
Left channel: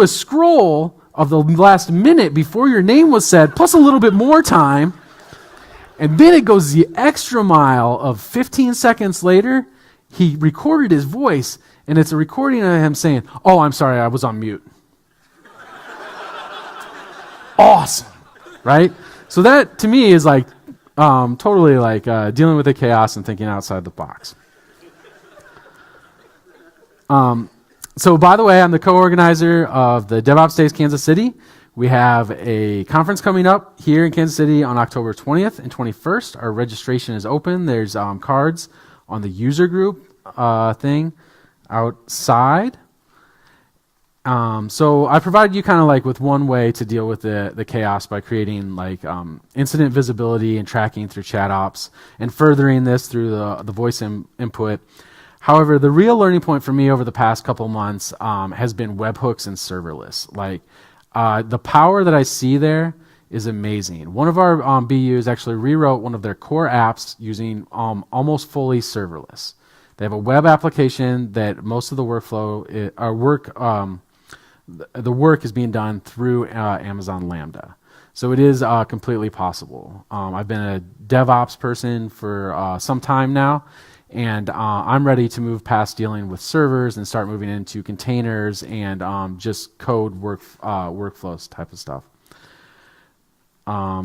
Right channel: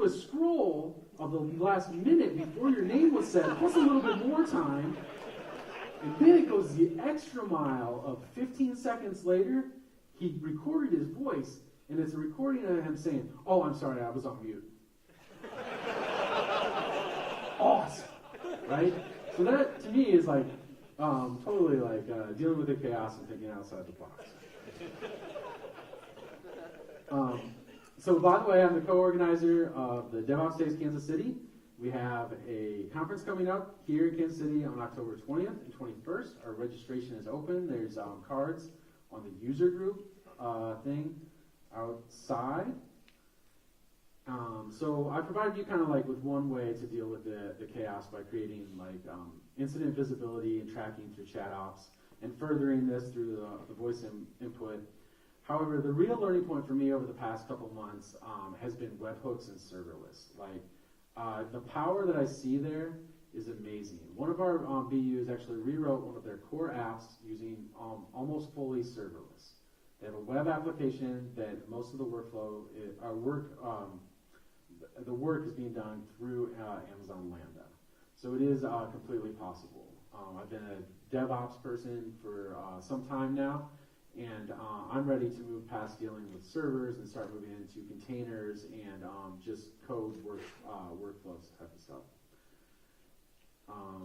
a scroll of the last minute before your name was said, plus a little bit more time. And then it goes the extra mile of 15 seconds later, he recorded his voice, and it's a recording of him saying, "Oh, I'm sorry, I was on mute." Awesome, right? So that, to me, is like totally like dealing with the chaos and thinking outside the box. So by the way, I'm the co-organizer of the DevOps Days Kansas City. We have a conference coming up here in Kansas City on October 20th and 21st. Our registration is open. There's cards on the user group thing outside. So I provided you kind of like with one way to deal with the chaos by creating like incident visibility and tracking through ChatOps and furthering this through the voice input. However, the real learning point for me over the past couple months has been webhooks and serverless. Like the power that I see there is amazing. One of our BUs actually rewrote one of their core apps using almost fully serverless. They have a web application that most of the the work is being done through Amazon Lambda. So it is completely possible. I've been a DevOps person for some time now. And I'm ready to move past dealing with servers and start moving into containers and just code workflows type of stuff.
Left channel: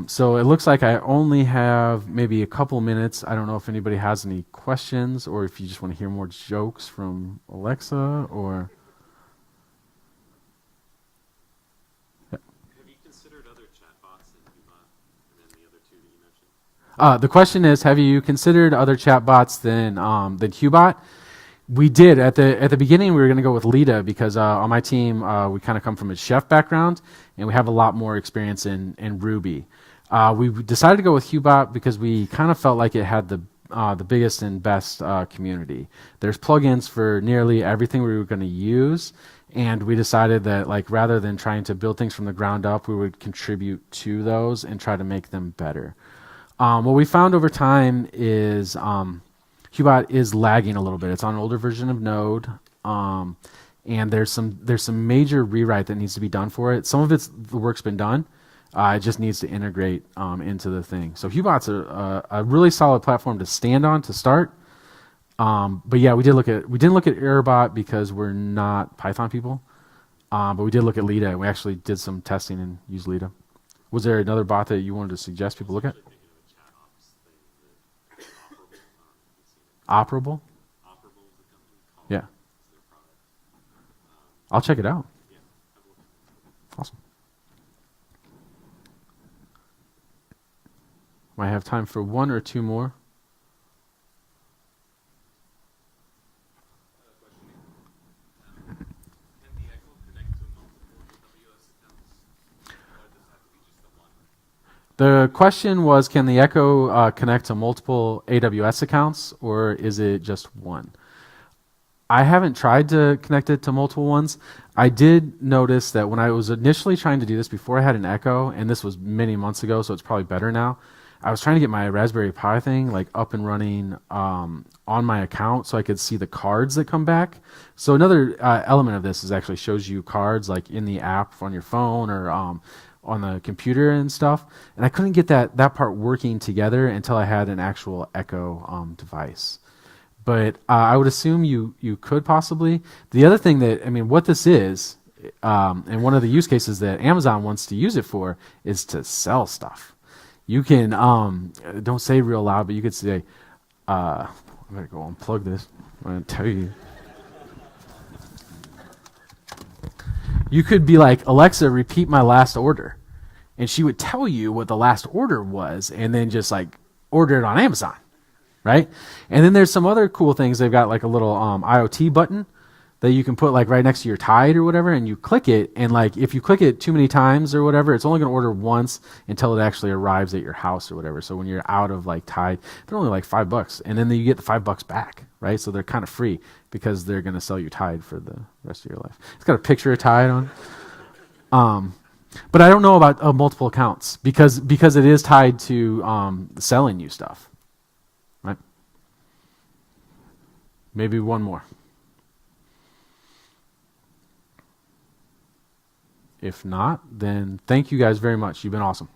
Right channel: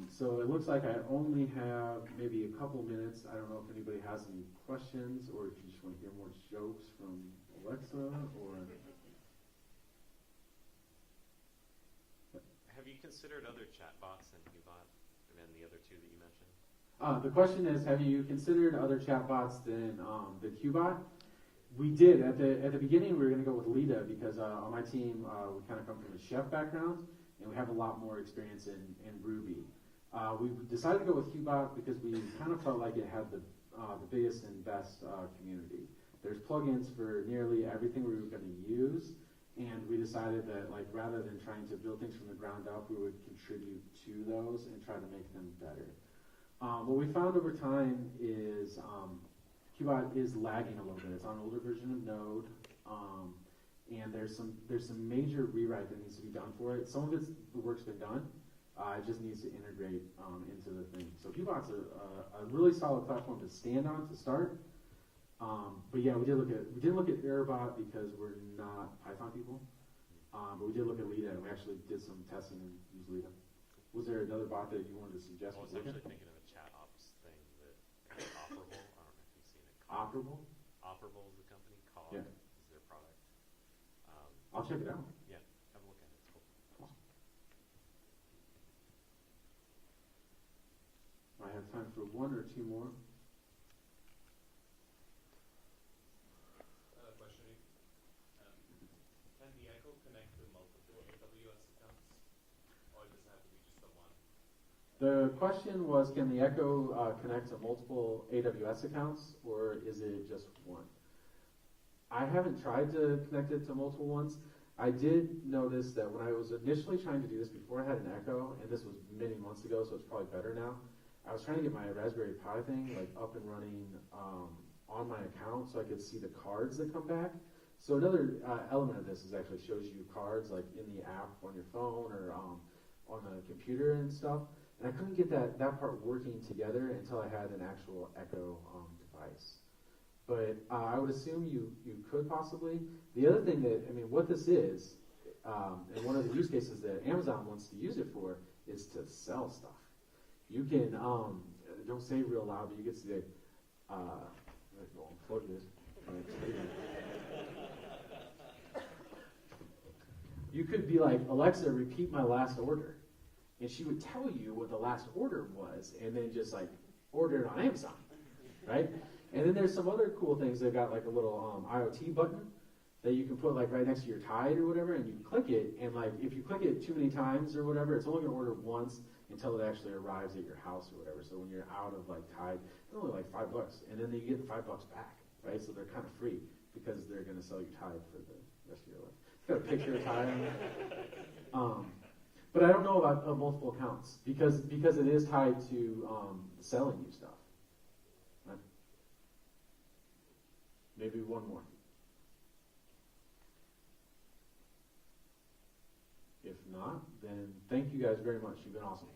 So it looks like I only have maybe a couple minutes. I don't know if anybody has any questions or if you just want to hear more jokes from Alexa or... Have you considered other chatbots like Hubot and the other two that you mentioned? The question is, have you considered other chatbots than Hubot? We did. At the beginning, we were going to go with Lita because on my team, we kind of come from a chef background, and we have a lot more experience in Ruby. We decided to go with Hubot because we kind of felt like it had the biggest and best community. There's plugins for nearly everything we were going to use, and we decided that like rather than trying to build things from the ground up, we would contribute to those and try to make them better. What we found over time is Hubot is lagging a little bit. It's on an older version of Node, and there's some major rewrite that needs to be done for it. Some of the work's been done. It just needs to integrate into the thing. So Hubot's a really solid platform to stand on to start. But yeah, we didn't look at Airbot because we're not Python people. But we did look at Lita, and we actually did some testing and used Lita. Was there another bot that you wanted to suggest people look at? Operable? Operable is a company called. Yeah. Is their product. I'll check it out. Yeah, I've looked at it. Awesome. Might have time for one or two more. Can the Echo connect to multiple AWS accounts? Or does it have to be just the one? The question was, can the Echo connect to multiple AWS accounts, or is it just one? I haven't tried to connect it to multiple ones. I did notice that when I was initially trying to do this before I had an Echo, and this was many months ago, so it's probably better now, I was trying to get my Raspberry Pi thing like up and running on my account so I could see the cards that come back. So another element of this is actually shows you cards like in the app on your phone or on the computer and stuff. And I couldn't get that part working together until I had an actual Echo device. But I would assume you could possibly. The other thing that, I mean, what this is, and one of the use cases that Amazon wants to use it for is to sell stuff. You can, don't say real loud, but you could say, I'm going to go unplug this. I'm going to tell you. You could be like, Alexa, repeat my last order. And she would tell you what the last order was and then just like order it on Amazon, right? And then there's some other cool things. They've got like a little IoT button that you can put like right next to your Tide or whatever, and you click it, and like if you click it too many times or whatever, it's only going to order once until it actually arrives at your house or whatever. So when you're out of like Tide, they're only like $5, and then you get the $5 back, right? So they're kind of free because they're going to sell you Tide for the rest of your life. It's got a picture of Tide on. But I don't know about multiple accounts because it is tied to selling you stuff, right? Maybe one more. If not, then thank you guys very much. You've been awesome.